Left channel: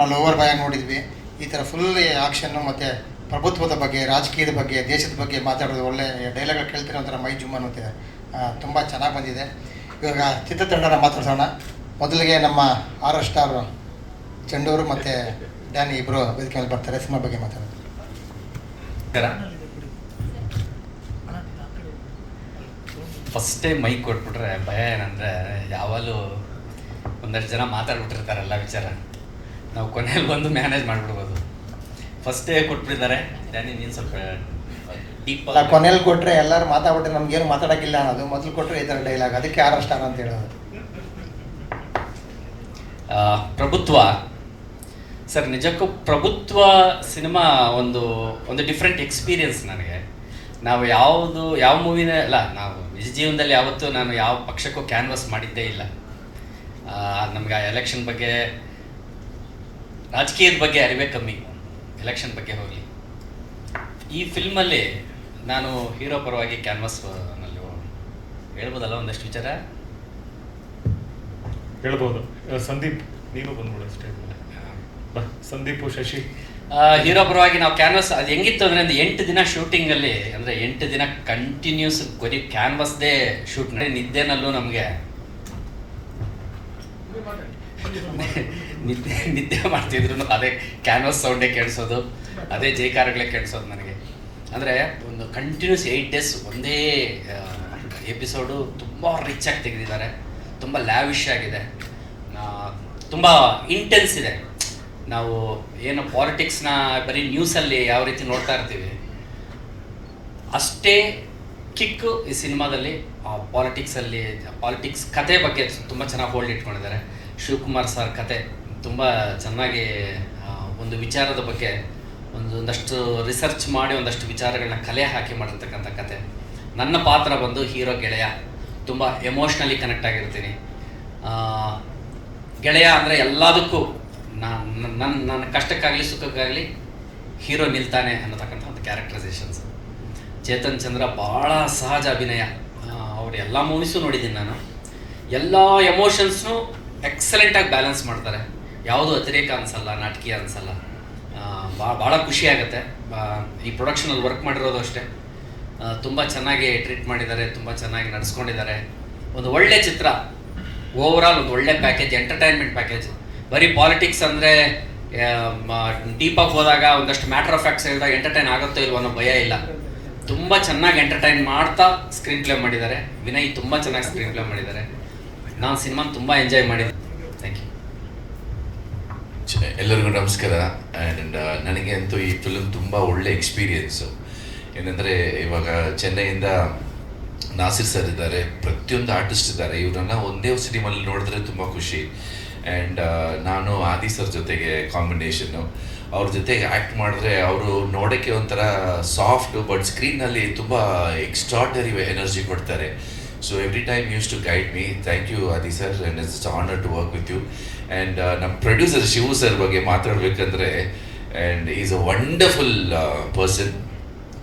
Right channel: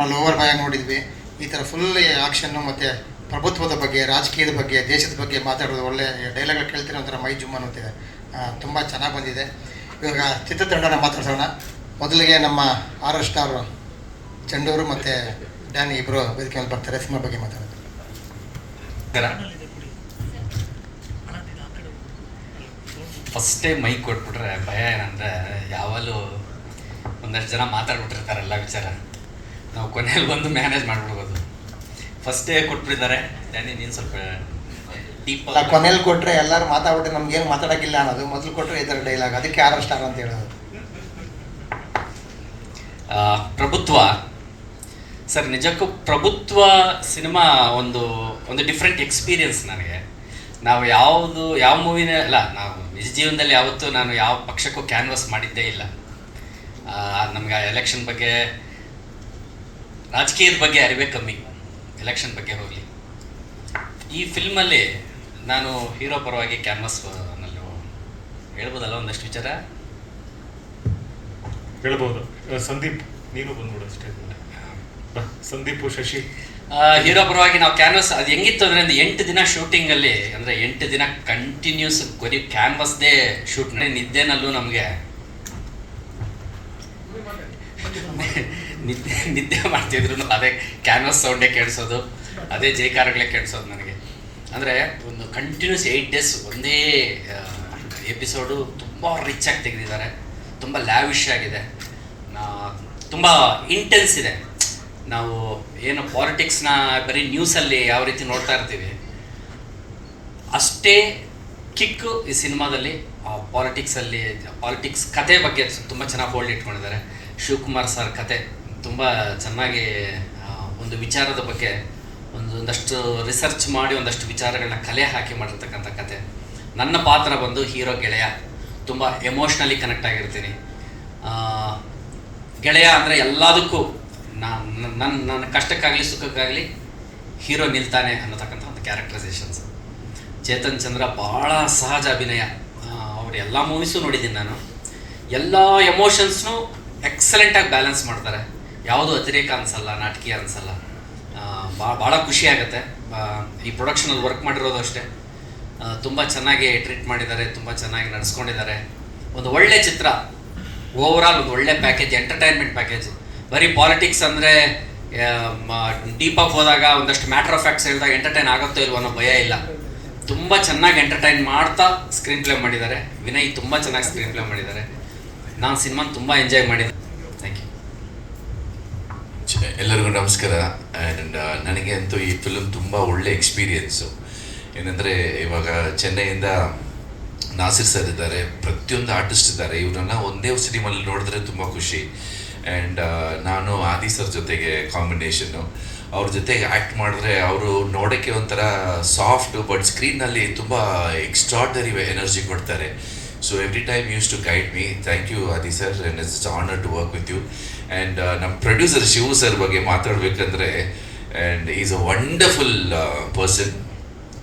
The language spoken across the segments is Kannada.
ನಾವು ಲೋವರ್ ಭಾಗ ನೋಡಿದ್ವಿ. ಈ ಥರ ಫುಲ್ ಆಕ್ಷನ್ನು ಮತ್ತು ಪ್ರಭುತ್ವದ ಬಗ್ಗೆ, ರಾಜಕೀಯದ ಬಗ್ಗೆ, ದೇಶದ ಬಗ್ಗೆ ಮಾತಾಡೋದು ಒಳ್ಳೆ ಡೈಲಾಗ್ ಕೇಳ್ತಿರೋ ಒಂಥರ ಮೈ ಜುಮ್ ಅನ್ನುತ್ತೆ ತುಂಬ ಚೆನ್ನಾಗಿ ಬಂದಿದೆ. ಇವಾಗ ಚಿತ್ರತಂಡನ ಮಾತಾಡ್ಸೋಣ. ಮೊದಲಿಗೆ ನಮ್ಮ ಆರ್ ಎಸ್ ಸ್ಟಾರ್ ಚಂಡೂರು ಮತ್ತು ಡ್ಯಾನಿ ಇಬ್ಬರು ವೇದಿಕೆ ಬರ್ತಾರೆ. ಸಿನಿಮಾ ಬಗ್ಗೆ ಮಾತಾಡೋದು ಫಸ್ಟೇ ಮೈಕ್ ಕೊಟ್ಬಿಟ್ರೆ ಭಯ ಏನಂದರೆ ಯಾವಾಗಲೂ ಒಂದಷ್ಟು ಜನ ಮಾತಾಡ್ಬಿಟ್ಟಿರ್ತಾರೆ, ಎಲ್ಲ ವಿಚಾರ. ನಾವು ಕೊನೆಯಲ್ಲಿ ಬಂದು ಮ್ಯಾನೇಜ್ ಮಾಡ್ಬಿಡ್ಬೋದು ಫಸ್ಟೇ ಕೊಟ್ಬಿಟ್ಟಿದ್ದಾರೆ. ಡ್ಯಾನಿ ನೀನು ಸ್ವಲ್ಪ ಡೀಪ್ ಅಲ್ಲ ಕೊನೆಯಲ್ಲಿ ಕೊಟ್ಟರೆ ಎಲ್ಲರೂ ಮಾತಾಡ್ಬಿಟ್ಟು ನಮ್ಗೆ ಏನು ಮಾತಾಡೋಕ್ಕಿಲ್ಲ ಅನ್ನೋದು. ಮೊದಲು ಕೊಟ್ಟರೆ ಈ ಥರ ಡೈಲಾಗ್ ಅದಕ್ಕೆ ಯಾರು ಸ್ಟಾರ್ ಅಂತ ಹೇಳೋದು. ಪ್ರಭುತ್ವ. ಸರ್ ನಿಜಕ್ಕೂ ಪ್ರಭುತ್ವ ಸಿನಿಮಾ ಒಂದು ಒಂದು ಡಿಫ್ರೆಂಟ್ ಎಕ್ಸ್ಪೀರಿಯನ್ಸ್ ನನಗೆ. ನಾವು ಯಾವುದು ಯಾವ ಮೂವಿನೇ ಅಲ್ಲ ನಾವು ನಿಜ ಜೀವನದಲ್ಲಿ ಯಾವತ್ತೂ ನಾನು ಯಾವ ಪಕ್ಷಕ್ಕೂ ಕ್ಯಾನ್ವಸ್ ಮಾಡಿದ್ದೇ ಇಲ್ಲ. ನಮ್ಗೆ ಎಲೆಕ್ಷನ್ ಬಗ್ಗೆ ರಾಜಕೀಯದ ಬಗ್ಗೆ ಅರಿವೇ ಕಮ್ಮಿ. ಎಲೆಕ್ಷನ್ ಬಗ್ಗೆ ಹೋಗಲಿ. ಈ ಫಿಲ್ಮಲ್ಲಿ ನಾನು ಹೀರೋ ಪರವಾಗಿ ಕ್ಯಾನ್ವಾಸ್ನಲ್ಲಿ ಹೇಳ್ಬೋದಲ್ಲ ಒಂದಷ್ಟು ವಿಚಾರ? ಹೇಳ್ಬೋದು. ಸಂದೀಪ್ ನೀನು ಬಂದ್ಬಿಡು ಅಷ್ಟೇ. ಸಂದೀಪು ಶಶಿ. ಹೀರೋ ಪರವಾಗಿ ನಾವು ಕ್ಯಾನ್ವಸ್ ಅದು ಹೆಂಗಿತ್ತು ಅಂದ್ರೆ ಒಂದು ಎಂಟು ದಿನ ಶೂಟಿಂಗಲ್ಲಿ ಅಲ್ಲಿ ಅಂದ್ರೆ ಎಂಟು ದಿನ ಕಂಟಿನ್ಯೂಸ್ ಬರೀ ಕ್ಯಾನ್ವಸ್ದೇ ಶೂಟ್ ನಿದ್ದೆನಲ್ಲೂ ನಮಗೆ. ನಿದ್ದೆ ನಿದ್ದೆ ಮಾಡ್ತಿದ್ರು ಅದೇ ಕ್ಯಾನ್ವಸ್ ಸೌಂಡೇ ಕೇಳಿಸೋದು ಅದೇ ಜೈಕಾರಗಳೇ ಕೇಳಿಸೋದು ನನಗೆ. ಅಂದರೆ ಒಂದು ಕಂಟಿನ್ಯೂಸ್ ಏಯ್ಟ್ ಡೇಸ್ ಒಂದೇ ಎಪಿಸೋಡು ತುಂಬ ರಿಚ್ ಆಗಿ ತೆಗೆದಿದ್ದಾರೆ ತುಂಬ ಲ್ಯಾವಿಶ್ ಆಗಿದೆ. ತುಂಬ ಇಂಟೆನ್ಸ್ ಇದೆ. ನಾವು ಏನು ಪಾಲಿಟಿಕ್ಸ್ನ ಬರೀ ನ್ಯೂಸಲ್ಲಿ ಯಾವ ರೀತಿ ನೋಡ್ತಾ ಇರ್ತೀವಿ ಅಷ್ಟೇ ಕಿಕ್ಕು ಈ ಸಿನಿಮಾದಲ್ಲಿ ಪಾಲಿಟಿಕ್ಸಲ್ಲಿ ಪಾಲಿಟಿಕ್ಸ್ ಕತೆ ಬಗ್ಗೆ ತುಂಬ ಚೆನ್ನಾಗಿ ಹೋಲ್ಡ್ ಇಟ್ಕೊಂಡಿದ್ದಾರೆ. ಶಿವಕುಮಾರ್ ಸರ್ ಕತೆ. ತುಂಬ ಚೆನ್ನಾಗಿ ಒಂದು ವಿಚಾರದ ಬಗ್ಗೆ ಒಂದು ಒಂದಷ್ಟು ರಿಸರ್ಚ್ ಮಾಡಿ, ಒಂದಷ್ಟು ವಿಚಾರಗಳನ್ನ ಕಲೆ ಹಾಕಿ ಮಾಡಿರ್ತಕ್ಕಂಥ ಕತೆ. ನನ್ನ ಪಾತ್ರ ಬಂದು ಹೀರೋ ಗೆಳೆಯ. ತುಂಬ ಎಮೋಷ್ನಲಿ ಕನೆಕ್ಟ್ ಆಗಿರ್ತೀನಿ. ಗೆಳೆಯ ಅಂದರೆ ಎಲ್ಲದಕ್ಕೂ ನಾನು ನನ್ನ ನನ್ನ ಕಷ್ಟಕ್ಕಾಗಲಿ, ಸುಖಕ್ಕಾಗಲಿ ಹೀರೋ ನಿಲ್ತಾನೆ ಅನ್ನತಕ್ಕಂಥ ಒಂದು ಕ್ಯಾರೆಕ್ಟರೈಸೇಷನ್ಸ್ ಚೇತನ್ ಚಂದ್ರ ಭಾಳ ಸಹಜ ಅಭಿನಯ. ಅವ್ರ ಎಲ್ಲ ಮೂವೀಸು ನೋಡಿದ್ದೀನಿ ನಾನು. ಎಲ್ಲ ಎಮೋಷನ್ಸ್ನು ಎಕ್ಸಲೆಂಟಾಗಿ ಬ್ಯಾಲೆನ್ಸ್ ಮಾಡ್ತಾರೆ. ಯಾವುದೂ ಅತಿರೇಕ ಅನಿಸಲ್ಲ, ನಾಟಕೀಯ ಅನ್ಸಲ್ಲ. ಭಾಳ ಭಾಳ ಖುಷಿ ಆಗುತ್ತೆ. ಈ ಪ್ರೊಡಕ್ಷನಲ್ಲಿ ವರ್ಕ್ ಮಾಡಿರೋದು ಅಷ್ಟೇ. ತುಂಬ ಚೆನ್ನಾಗಿ ಟ್ರೀಟ್ ಮಾಡಿದ್ದಾರೆ, ತುಂಬ ಚೆನ್ನಾಗಿ ನಡೆಸ್ಕೊಂಡಿದ್ದಾರೆ. ಒಂದು ಒಳ್ಳೆ ಚಿತ್ರ. ಓವರಾಲ್ ಒಂದು ಒಳ್ಳೆ ಪ್ಯಾಕೇಜ್ ಎಂಟರ್ಟೈನ್ಮೆಂಟ್ ಪ್ಯಾಕೇಜ್ ಬರೀ ಪಾಲಿಟಿಕ್ಸ್ ಅಂದರೆ ಡೀಪಾಗಿ ಹೋದಾಗ, ಒಂದಷ್ಟು ಮ್ಯಾಟರ್ ಆಫ್ ಫ್ಯಾಕ್ಟ್ಸ್ ಹೇಳಿದಾಗ ಎಂಟರ್ಟೈನ್ ಆಗುತ್ತೋ ಇಲ್ವೋ ಅನ್ನೋ ಭಯ ಇಲ್ಲ. ತುಂಬ ಚೆನ್ನಾಗಿ ಎಂಟರ್ಟೈನ್ ಮಾಡ್ತಾ ಸ್ಕ್ರೀನ್ ಪ್ಲೇ ಮಾಡಿದ್ದಾರೆ. ವಿನಯ್ ತುಂಬ ಚೆನ್ನಾಗಿ ಸ್ಕ್ರೀನ್ ಪ್ಲೇ ಮಾಡಿದ್ದಾರೆ. ನಾನು ಸಿನಿಮಾನ ತುಂಬ ಎಂಜಾಯ್ ಮಾಡಿದ್ದೆ. ಎಲ್ಲರಿಗೂ ನಮಸ್ಕಾರ. ಆ್ಯಂಡ್ ನನಗೆ ಅಂತೂ ಈ ಫಿಲಮ್ ತುಂಬ ಒಳ್ಳೆ ಎಕ್ಸ್ಪೀರಿಯನ್ಸು ಏನಂದರೆ, ಇವಾಗ ಚೆನ್ನೈಯಿಂದ ನಾಸಿರ್ ಸರ್ ಇದ್ದಾರೆ. ಪ್ರತಿಯೊಂದು ಆರ್ಟಿಸ್ಟ್ ಇದ್ದಾರೆ. ಇವರನ್ನ ಒಂದೇ ಸಿನಿಮಾಲಿ ನೋಡಿದ್ರೆ ತುಂಬ ಖುಷಿ. ಆ್ಯಂಡ್ ನಾನು ಆದಿ ಸರ್ ಜೊತೆಗೆ ಕಾಂಬಿನೇಷನ್ನು ಅವ್ರ ಜೊತೆಗೆ ಆ್ಯಕ್ಟ್ ಮಾಡಿದ್ರೆ ಅವರು ನೋಡೋಕ್ಕೆ ಒಂಥರ ಸಾಫ್ಟ್ ಬಟ್ ಸ್ಕ್ರೀನಲ್ಲಿ ತುಂಬ ಎಕ್ಸ್ಟ್ರಾಡ್ನರಿ ಎನರ್ಜಿ ಕೊಡ್ತಾರೆ. So every time use to guide me thank you Adi sir and it's honour to work with you and ನಮ್ಮ ಪ್ರೊಡ್ಯೂಸರ್ ಶಿವು ಸರ್ ಬಗ್ಗೆ ಮಾತಾಡಬೇಕಂದ್ರೆ and is a wonderful person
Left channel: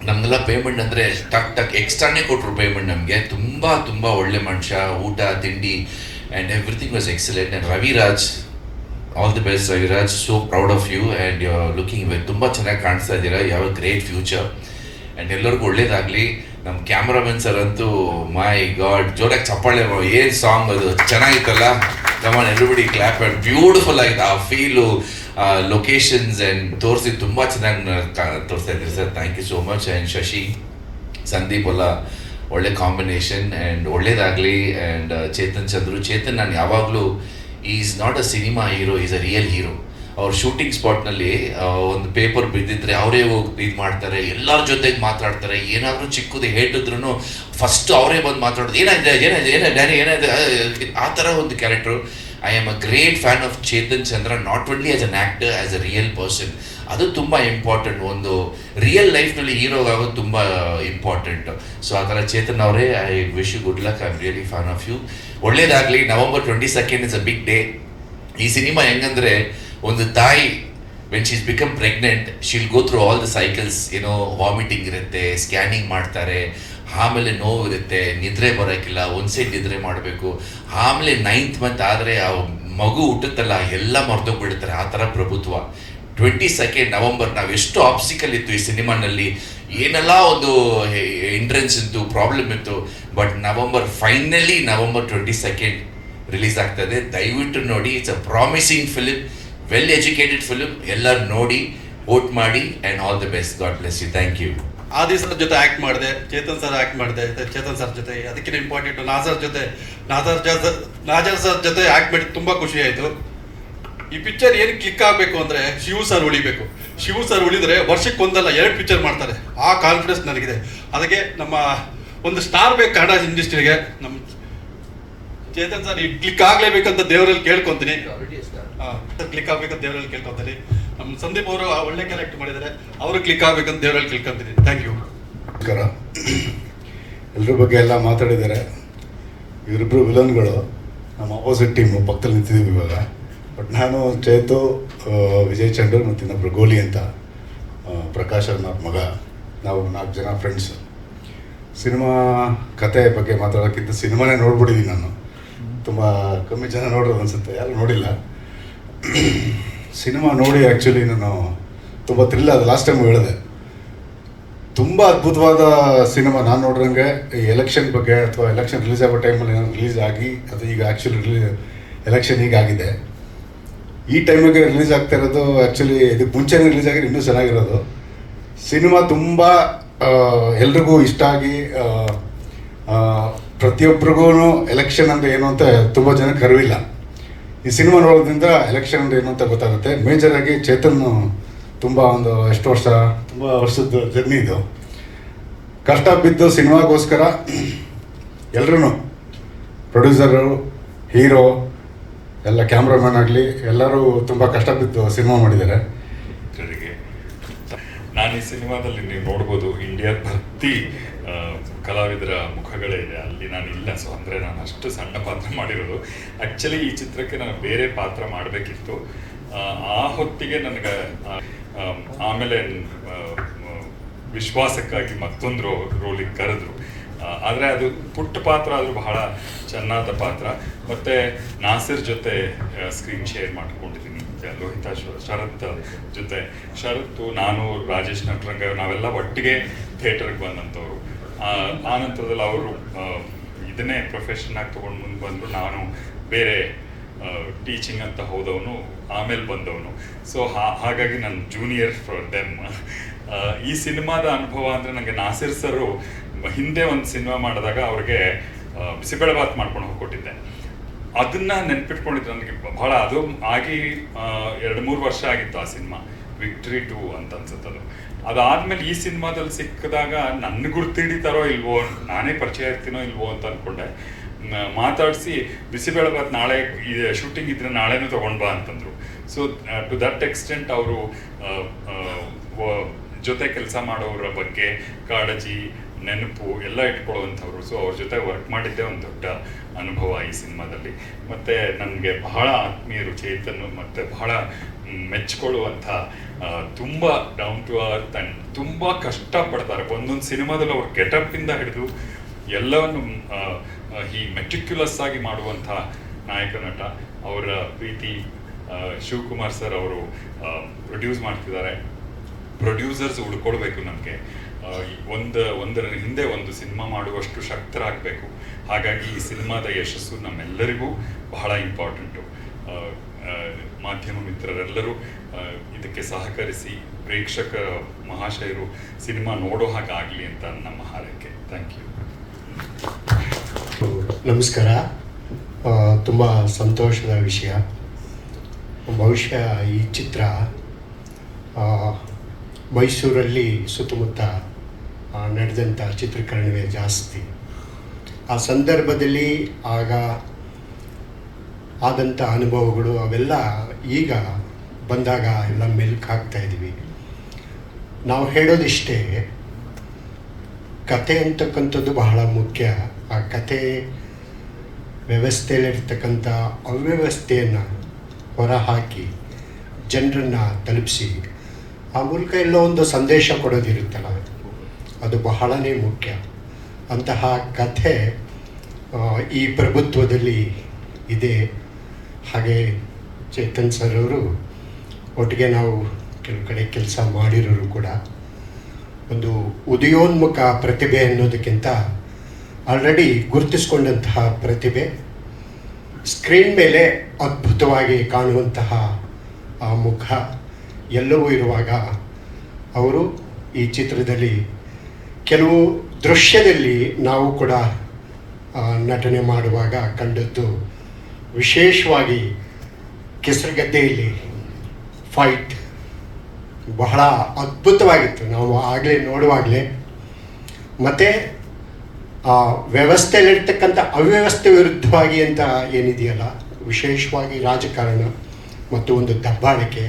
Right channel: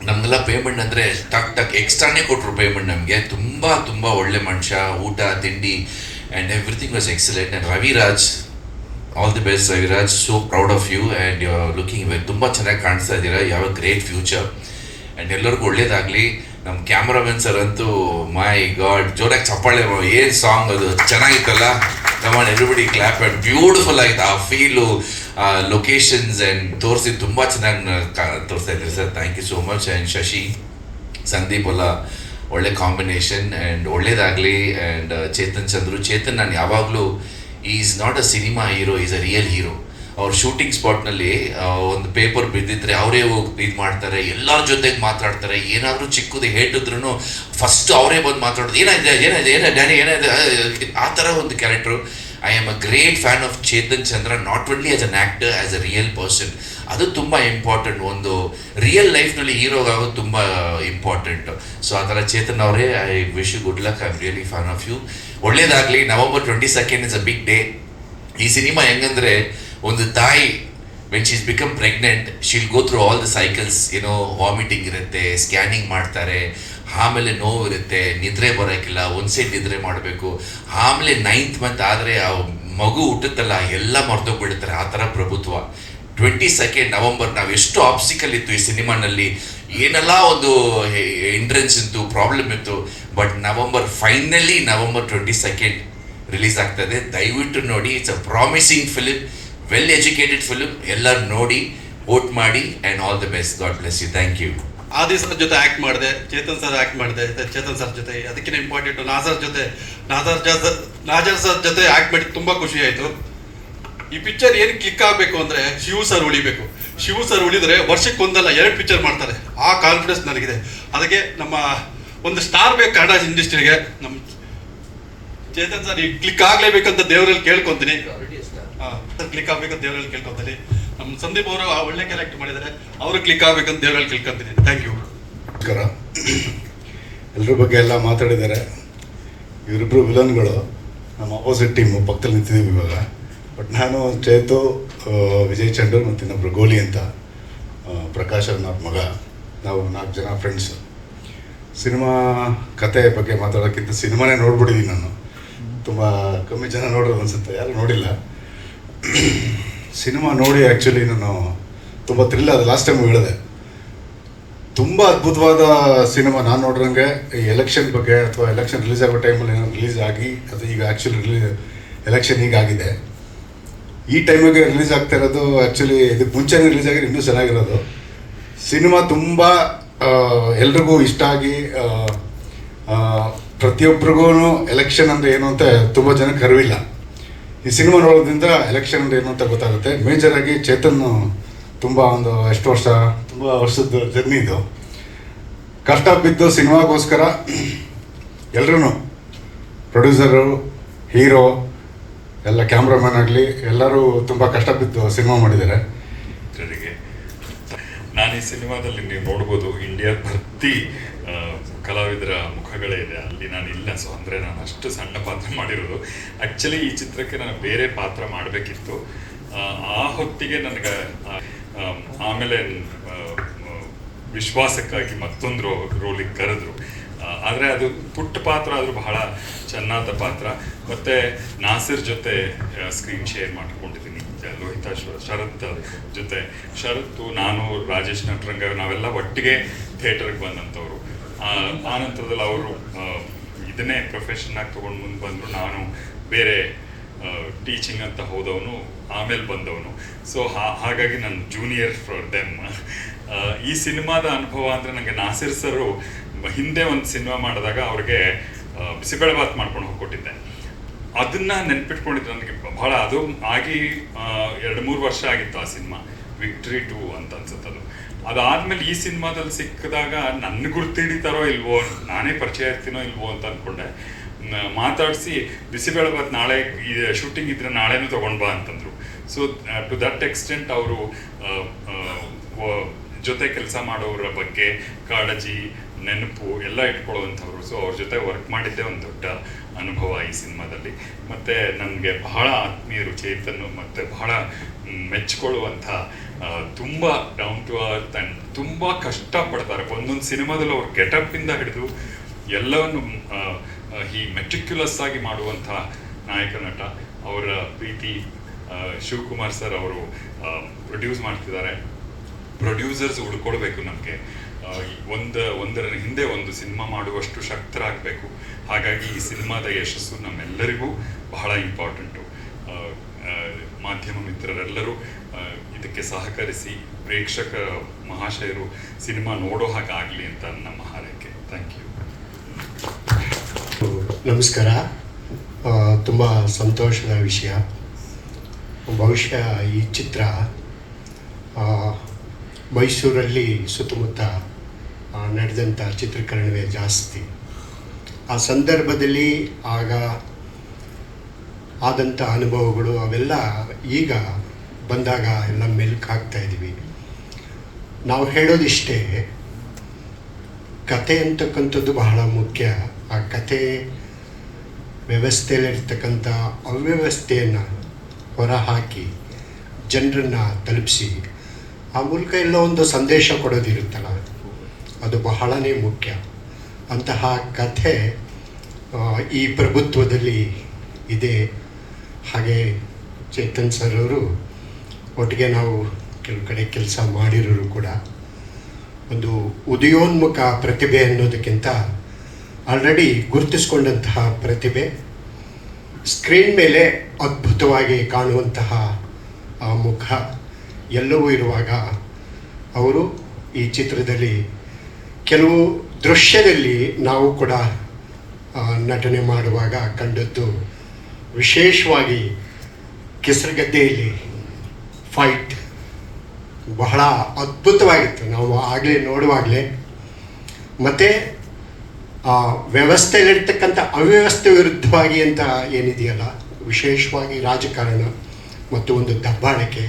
ನಮಗೆಲ್ಲ ಪೇಮೆಂಟ್ ಅಂದರೆ ಟಕ್ ಟಕ್ ಎಕ್ಸ್ಟ್ರಾನೇ ಕೊಟ್ಟರು ಪೇಮೆಂಟ್ ನಮಗೆ. ತುಂಬ ತುಂಬ ಒಳ್ಳೆ ಮನುಷ್ಯ, ಊಟ, ತಿಂಡಿ and everything was excellent and Raviraj all the best Raviraj. So proud of you and you looking ತುಂಬ ಚೆನ್ನಾಗಿ ಕಾಣಿಸ್ತಾ ಇದ್ದೀರಾ. ಯಾವ ಗ್ರೇಟ್ ಫ್ಯೂಚರ್ ಆ್ಯಂಡ್ ಎಲ್ಲರಿಗೂ ಒಳ್ಳೇದಾಗಲಿ. ನಮ್ಮ ಕ್ಯಾಮ್ರಾಮನ್ ಸರ್ ಅಂತೂ ಮೈ ಗಾಡ್ ಜೋರಾಗಿ ಚಪ್ಪಾಳೆ ಏನು ಸಾಂಗ್ ಅದು? ಚೆನ್ನಾಗಿತ್ತಲ್ಲ? Come on everybody clap and beautiful ಆಗಿತ್ತು ಆ ಫೀಲು ಲೊಕೇಶನ್ಸ್ ಆ್ಯಂಡ್ ತೋರಿಸಿ, ತುಂಬ ಚೆನ್ನಾಗಿ ತೋರಿಸ್ತಾ ಇದ್ದೀರಿ sir. Thank you so much and Shashi, Sandeep ಅಲ್ಲ, ಒಳ್ಳೆ ಕಾಂಬಿನೇಷನ್ ಆ್ಯಂಡ್ ಒಳ್ಳೇದಾಗಲಿ. ಆ್ಯಂಡ್ ಚೇತನ್ ಚಂದ್ರು, ಚೇತನ್ ನಾನು ಯಾವಾಗಲೂ is not a cinema hero is a real hero ಅವ್ರ ಶೂಟಿಂಗ್ ಸ್ಪಾಟ್ನಲ್ಲಿ ಒಂದು ಪೇಪರ್ ಬಿದ್ದಿದ್ರೆ ಅವರೇ ಹೋಗಿ ಇದು ಮಾಡ್ತಾರೆ, ಎಲ್ಲರ ಜೊತೆಗೆ ಮಾತಾಡ್ತಾರೆ, ಏನಾದರೂ ಚಿಕ್ಕದು ಹೇಟಿದ್ರು ಫಸ್ಟ್ ಅವರೇ ಬಂದು ಮಾತಾಡೋದು, ಏನಾಯ್ತು ಏನಾಯ್ತು ಏನಾಯ್ತು, ಡ್ಯಾಡಿ, ಏನಾಯ್ತು, ಆ- ಥರ ಒಂದು character I am a great fan of Chetan Chandra not only as an actor as a real person ಅದು ತುಂಬ ಇಂಪಾರ್ಟೆಂಟ್ ಒಂದು ರಿಯಲ್ ಲೈಫ್ನಲ್ಲಿ ಆಗೋದು ತುಂಬ ಇಂಪಾರ್ಟೆಂಟ್ ಸೊ ಆ ಥರ ಚೇತನ್ ಅವರೇ I wish you good luck I am really fan of you ಒಳ್ಳೇದಾಗಲಿ. November twenty second is a big day ಈ ಸಿನಿಮಾ ಹೆಂಗಂದ್ರೆ ಒಂದು ತಾಯಿ when she's become pregnant she'll go through all the cycles ಏನೋ ವಾಮಿಟಿಂಗ್ ಇರುತ್ತೆ ಸ್ಕ್ಯಾನಿಂಗ್ ಮಾಡ್ತಾರೆ, ಆಮೇಲೆ ನೋವಿರುತ್ತೆ ನಿದ್ರೆ ಬರೋಕ್ಕಿಲ್ಲ, ಒಂದು ಸೈಡ್ ನಿದ್ರೆ ಮಾಡಬೇಕು. ಆಮೇಲೆ ನೈನ್ತ್ ಮಂತ್ ಆದರೆ ಆ ಮಗು ಹುಟ್ಟುತ್ತಲ್ಲ, ಎಲ್ಲ ಮರ್ತೋಗ್ಬಿಡ್ತಾರೆ ಆ ಥರ ಪ್ರಭುತ್ವ. ಟ್ವೆಂಟಿ ಸೆಕೆಂಡ್ ನವಂಬರ್ ನಾವು ಎಷ್ಟು ಆಪ್ಸಿಕಲ್ ಇತ್ತು ಈ ಸಿನಿಮಾನಲ್ಲಿ. ಏನೆಲ್ಲ ಒಂದು ಎಂಟ್ರೆನ್ಸ್ ಇತ್ತು ಪ್ರಾಬ್ಲಮ್ ಇತ್ತು but November finally November twenty second release ಆಗ್ತದೆ ದಯವಿಟ್ಟು ನೋಡಿ it's a promising film well educated film ಎಲ್ಲರೂ ನೋಡಿ ವೋಟ್ ಮಾಡಿ and all the best God bless you thank you Adi sir ಜೊತೆ ಆಕ್ಟ್ ಮಾಡಿದೆ, ಚೇತನ್ ಸರ್ ಆಕ್ಟ್ ಮಾಡಿದೆ, ಚೇತನ್ ಸರ್ ಜೊತೆ. ಅದಕ್ಕಿಂತ ಇಂಪಾರ್ಟೆಂಟ್ ನಾಸರ್ ಜೊತೆ, ನಾಸರ್ ನಾಜರ್ ಸರ್ ಜೊತೆ ಆಕ್ಟ್ ಮಾಡಿ ತುಂಬಾ ಖುಷಿ ಆಯ್ತು. ಈ ಪಿಕ್ಚರ್ ಏನು ಕ್ಲಿಕ್ ಆಗಬೇಕು ಅಂದ್ರೆ ಶಿವು ಸರ್ ಉಳಿಬೇಕು. ಶಿವು ಸರ್ ಉಳಿದ್ರೆ ವರ್ಷಕ್ಕೆ ಒಂದಲ್ಲ ಎರಡು ಪಿಕ್ಚರ್ ಮಾಡ್ತಾರೆ. ಆ ಕಾನ್ಫಿಡೆನ್ಸ್ ನನಗಿದೆ. ಅದಕ್ಕೆ ನಮ್ಮ ಒಂದು ಸ್ಟಾರ್ ಬೇಕು ಕನ್ನಡ ಇಂಡಸ್ಟ್ರಿಗೆ ನಮ್ಮ ಚೇತನ್ ಸರ್ ಕ್ಲಿಕ್ ಆಗ್ಲೇಬೇಕಂತ ದೇವರಲ್ಲಿ ಕೇಳ್ಕೊಂತೀನಿ. ಕ್ಲಿಕ್ ಆಗ್ಬೇಕಂತ ದೇವರಲ್ಲಿ ಕೇಳ್ಕೊಂತೀನಿ ನಮ್ಮ ಸಂದೀಪ್ ಅವರು ಒಳ್ಳೆ ಕ್ಯಾರೆಕ್ಟರ್ ಮಾಡಿದ್ದಾರೆ. ಅವರು ಕ್ಲಿಕ್ ಆಗ್ಬೇಕಂತ ದೇವರಲ್ಲಿ ಕೇಳ್ಕೊಂತೀನಿ. ಥ್ಯಾಂಕ್ ಯು ನಮಸ್ಕಾರ. ಎಲ್ಲರ ಬಗ್ಗೆ ಎಲ್ಲ ಮಾತಾಡಿದ್ದಾರೆ. ಇವರಿಬ್ಬರು ವಿಲನ್ಗಳು. ನಮ್ಮ ಅಪೋಸಿಟ್ ಟೀಮು ಪಕ್ಕದಲ್ಲಿ ನಿಂತಿದ್ದೀವಿ ಇವಾಗ. ಬಟ್ ನಾನು ಚೇತು ವಿಜಯ್ ಚಂದ್ರ ಮತ್ತು ಇನ್ನೊಬ್ರು ಗೋಲಿ ಅಂತ ಪ್ರಕಾಶ್ ಅವ್ರ ಮಗ. ನಾವು ನಾಲ್ಕು ಜನ ಫ್ರೆಂಡ್ಸು ಸಿನಿಮಾ ಕತೆ ಬಗ್ಗೆ ಮಾತಾಡೋಕ್ಕಿಂತ ಸಿನಿಮಾನೇ ನೋಡ್ಬಿಟ್ಟಿದ್ದೀನಿ ನಾನು. ತುಂಬ ಕಮ್ಮಿ ಜನ ನೋಡೋದು ಅನಿಸುತ್ತೆ. ಯಾರು ನೋಡಿಲ್ಲ. ಸಿನಿಮಾ ನೋಡಿ ಆ್ಯಕ್ಚುಲಿ ನಾನು ತುಂಬ ಥ್ರಿಲ್ ಅದು ಲಾಸ್ಟ್ ಟೈಮ್ ಹೇಳಿದೆ. ತುಂಬ ಅದ್ಭುತವಾದ ಸಿನಿಮಾ ನಾನು ನೋಡಿದಂಗೆ. ಈ ಎಲೆಕ್ಷನ್ ಬಗ್ಗೆ ಅಥವಾ ಎಲೆಕ್ಷನ್ ರಿಲೀಸ್ ಆಗೋ ಟೈಮಲ್ಲಿ ನಾನು ರಿಲೀಸ್ ಆಗಿ, ಅದು ಈಗ ಆ್ಯಕ್ಚುಲಿ ರಿಲೀಸ್ ಎಲೆಕ್ಷನ್ ಈಗ ಆಗಿದೆ. ಈ ಟೈಮಿಗೆ ರಿಲೀಸ್ ಆಗ್ತಾ ಇರೋದು ಆ್ಯಕ್ಚುಲಿ ಇದು ಮುಂಚೆನೇ ರಿಲೀಸ್ ಆಗಿ ಇನ್ನೂ ಚೆನ್ನಾಗಿರೋದು. ಸಿನಿಮಾ ತುಂಬ ಎಲ್ರಿಗೂ ಇಷ್ಟ ಆಗಿ ಪ್ರತಿಯೊಬ್ಬರಿಗೂ ಎಲೆಕ್ಷನ್ ಅಂದರೆ ಏನು ಅಂತ ತುಂಬ ಜನಕ್ಕೆ ಅರಿವಿಲ್ಲ ಈ ಸಿನಿಮಾ ನೋಡೋದ್ರಿಂದ ಎಲೆಕ್ಷನ್ ಏನು ಅಂತ ಗೊತ್ತಾಗುತ್ತೆ. ಮೇಜರ್ ಆಗಿ ಚೇತನ್ ತುಂಬ ಒಂದು ಎಷ್ಟು ವರ್ಷ ತುಂಬ ವರ್ಷದ ಜರ್ನಿ ಇದು. ಕಷ್ಟ ಬಿದ್ದು ಸಿನಿಮಾಗೋಸ್ಕರ ಎಲ್ಲರೂ ಪ್ರೊಡ್ಯೂಸರು ಹೀರೋ ಎಲ್ಲ ಕ್ಯಾಮ್ರಾಮನ್ ಆಗಲಿ ಎಲ್ಲರೂ ತುಂಬ ಕಷ್ಟ ಬಿದ್ದು ಸಿನಿಮಾ ಮಾಡಿದ್ದಾರೆ. ನಾನು ಈ ಸಿನಿಮಾದಲ್ಲಿ ನೀವು ನೋಡ್ಬೋದು ಇಂಡಿಯಾ ಭರ್ತಿ ಆ, ಕಲಾವಿದರ ಮುಖಗಳೇ ಇದೆ. ಅಲ್ಲಿ ನಾನು ಇಲ್ಲ. ಸೊ ಅಂದರೆ ನಾನು ಅಷ್ಟು ಸಣ್ಣ ಪಾತ್ರ ಮಾಡಿರೋದು. ಆ್ಯಕ್ಚುಲಿ ಈ ಚಿತ್ರಕ್ಕೆ ನಾನು ಬೇರೆ ಪಾತ್ರ ಮಾಡಬೇಕಿತ್ತು. ಆ ಹೊತ್ತಿಗೆ ನನಗೆ ಆಮೇಲೆ ವಿಶ್ವಾಸಕ್ಕಾಗಿ ಮತ್ತೊಂದು ರೋ, ರೋಲಿಗೆ ಕರೆದ್ರು. ಆದರೆ ಅದು ಪುಟ್ಟ ಪಾತ್ರ ಆದರೂ ಬಹಳ ಚೆನ್ನಾದ ಪಾತ್ರ. ಮತ್ತು ನಾಸಿರ್ ಜೊತೆ ಸ್ಕ್ರೀನ್ ಶೇರ್ ಮಾಡ್ಕೊಂಡಿದ್ದೀನಿ. ಲೋಹಿತ ಶರತ್ ಜೊತೆ. ಶರತ್ತು, ನಾನು, ರಾಜೇಶ್, ನಟರಂಗ, ನಾವೆಲ್ಲ ಒಟ್ಟಿಗೆ ಥಿಯೇಟರ್ಗೆ ಬಂದಂಥವ್ರು. ಆ ನಂತರದಲ್ಲಿ ಅವರು ಇದನ್ನೇ ಪ್ರೊಫೆಷನ್ ಆಗಿ ತಗೊಂಡು ಮುಂದೆ ಬಂದರು. ನಾನು ಬೇರೆ ಟೀಚಿಂಗ್ ಅಂತ ಹೋದವನು, ಆಮೇಲೆ ಬಂದವನು. ಸೊ ಹಾಗಾಗಿ ನಾನು ಜೂನಿಯರ್ ಫಾರ್ ದೆಮ್ ಈ ಸಿನಿಮಾದ ಅನುಭವ ಅಂದರೆ ನನಗೆ ನಾಸಿರ್ ಸರು ಹಿಂದೆ ಒಂದು ಸಿನಿಮಾ ಮಾಡಿದಾಗ ಅವ್ರಿಗೆ ಬಿಸಿಬೇಳೆಬಾತ್ ಮಾಡ್ಕೊಂಡು ಹೋಗ್ಕೊಟ್ಟಿದ್ದೆ. ಅದನ್ನ ನೆನ್ಪಿಟ್ಕೊಂಡಿದ್ದು ನನಗೆ ಬಹಳ, ಅದು ಆಗಿ ಎರಡು ಮೂರು ವರ್ಷ ಆಗಿತ್ತು ಆ ಸಿನಿಮಾ. ವಿಕ್ಟ್ರಿ ಟು ಅಂತ ಅನ್ಸುತ್ತದು. ಅದಾದ್ಮೇಲೆ ಈ ಸಿನಿಮಾದಲ್ಲಿ ಸಿಕ್ಕಿದಾಗ ನನ್ನ ಗುರ್ತಿಡಿತಾರೋ ಇಲ್ವೋ ನಾನೇ ಪರಿಚಯ ಆಗ್ತೀನೋ ಇಲ್ವೋ ಅಂತ ಅನ್ಕೊಂಡೆ. ಮಾತಾಡಿಸಿ, ಬಿಸಿಬೇಳೆ ಬಾತ್ ನಾಳೆ ಶೂಟಿಂಗ್ ಇದ್ರೆ ನಾಳೆನೂ ತಗೊಂಡ್ ಬಾ ಅಂತಂದ್ರು. ಸೊ ಟು ದಟ್ ಎಕ್ಸ್ಟೆಂಟ್ ಅವರು ಜೊತೆ ಕೆಲಸ ಮಾಡೋರ ಬಗ್ಗೆ ಕಾಳಜಿ, ನೆನಪು ಎಲ್ಲ ಇಟ್ಕೊಳ್ಳುವಂಥವ್ರು. ಸೊ ಅವ್ರ ಜೊತೆ ವರ್ಕ್ ಮಾಡಿದ್ದೇ ಒಂದು ದೊಡ್ಡ ಅನುಭವ ಈ ಸಿನಿಮಾದಲ್ಲಿ. ಮತ್ತೆ ನನಗೆ ಬಹಳ ಆತ್ಮೀಯರು ಚೇತನ್ ಮತ್ತೆ ಬಹಳ ಮೆಚ್ಚಿಕೊಳ್ಳುವಂಥ ತುಂಬ ಡೌನ್ ಟು ಅರ್ತ್ ಆ್ಯಂಡ್ ತುಂಬ ಕಷ್ಟಪಡ್ತಾರೆ. ಒಂದೊಂದು ಸಿನಿಮಾದಲ್ಲಿ ಅವ್ರ ಗೆಟಪ್ಪಿಂದ ಹಿಡಿದು ಎಲ್ಲವನ್ನು ಈ ಮೆಟ್ರಿಕ್ಯುಲಸ್ ಆಗಿ ಮಾಡುವಂಥ ನಾಯಕ ನಟ, ಅವರ ಪ್ರೀತಿ ಶಿವಕುಮಾರ್ ಸರ್ ಅವರು ಪ್ರೊಡ್ಯೂಸ್ ಮಾಡ್ತಿದ್ದಾರೆ. ಪ್ರೊಡ್ಯೂಸರ್ಸ್ ಹುಡ್ಕೊಡ್ಬೇಕು ನಮಗೆ. ಒಂದು, ಒಂದರ ಹಿಂದೆ ಒಂದು ಸಿನಿಮಾ ಮಾಡುವಷ್ಟು ಶಕ್ತರಾಗಬೇಕು. ಹಾಗಾಗಿ ಈ ಸಿನಿಮಾದ ಯಶಸ್ಸು ನಮ್ಮೆಲ್ಲರಿಗೂ ಬಹಳ ಇಂಪಾರ್ಟೆಂಟು ಮಾಧ್ಯಮ ಮಿತ್ರರೆಲ್ಲರೂ ಇದಕ್ಕೆ ಸಹಕರಿಸಿ ಪ್ರೇಕ್ಷಕ ಮಹಾಶಯರು ಸಿನಿಮಾ ನೋಡೋ ಹಾಗಾಗಲಿ ಅಂತ ನಮ್ಮ ಹಾರೈಕೆ. ಥ್ಯಾಂಕ್ ಯು ನಮಸ್ಕಾರ. ತುಂಬ ಸಂತೋಷದ ವಿಷಯ. ಬಹುಶಃ ಈ ಚಿತ್ರ ಮೈಸೂರಲ್ಲಿ ಸುತ್ತಮುತ್ತ ನಡೆದಂಥ ಚಿತ್ರೀಕರಣವೇ ಜಾಸ್ತಿ. ಆ ಸಂದರ್ಭದಲ್ಲಿ ಆಗ ಆದಂಥ ಅನುಭವಗಳು ಅವೆಲ್ಲ ಈಗ ಬಂದಾಗ ಎಲ್ಲ ಮೆಲ್ಕ್ ಇದ್ದೀವಿ ನಾವು ಹೇಳೋದಿಷ್ಟೇ ಕತೆ ಅಂತಕ್ಕಂಥದ್ದು ಬಹಳ ಮುಖ್ಯ. ಆ ಕತೆ ವ್ಯವಸ್ಥೆಯಲ್ಲಿರ್ತಕ್ಕಂಥ ಅವ್ಯವಸ್ಥೆಯನ್ನು ಹೊರಹಾಕಿ ಜನರನ್ನು ತಲುಪಿಸಿ, ಆ ಮೂಲಕ ಎಲ್ಲ ಒಂದು ಸಂದೇಶ ಕೊಡೋದಿರುತ್ತಲ್ಲ, ಅದು ಬಹಳನೇ ಮುಖ್ಯ. ಅಂತಹ ಕಥೆ ಈ ಪ್ರಭುತ್ವದಲ್ಲಿ ಇದೆ. ಹಾಗೆ ಚೇತನ್ ಸರ್ ಅವರು ಒಟ್ಟಿಗೆ ನಾವು ಕೆಲವು ಕಡೆ ಕೆಲಸ ಮಾಡಿರೋರು ಕೂಡ ಒಂದು ಉದಯೋನ್ಮುಖ ಪ್ರತಿಭೆ ಅನ್ನೋದಕ್ಕಿಂತ ಆಲ್ರೆಡಿ ಗುರುತಿಸ್ಕೊಂಡಂತಹ ಪ್ರತಿಭೆ ಸ್ಕ್ರೀನ್ ಮೇಲೆ ಅದ್ಭುತವಾಗಿ ಕಾಣುವಂತಹ ಆ ಮುಖ ಎಲ್ಲವೂ ಇರುವಾಗ ಅವರು ಈ ಚಿತ್ರದಲ್ಲಿ ಕೆಲವು ದೃಶ್ಯದಲ್ಲಿ ನಾವು ಕೂಡ ನಟನೆ ಮಾಡುವಾಗ ಕಂಡದ್ದು ವಿಶೇಷವಾಗಿ ಕೆಸರುಗದ್ದೆಯಲ್ಲಿ ಫೈಟ್ ಬಹಳ ಅದ್ಭುತವಾಗಿತ್ತು. ನಾವು ಆಗಲೇ ನೋಡುವಾಗಲೇ. ಮತ್ತು ಆ ವ್ಯವಸ್ಥೆಯಲ್ಲಿರ್ತಕ್ಕಂಥ ಅವ್ಯವಸ್ಥೆ ವಿರುದ್ಧವಾಗಿ ಅಂತ ಏನಿದೆಯಲ್ಲ, ವಿಶೇಷವಾಗಿ ರಾಜಕಾರಣ ಮತ್ತು ಒಂದು ದಬ್ಬಾಳಿಕೆ,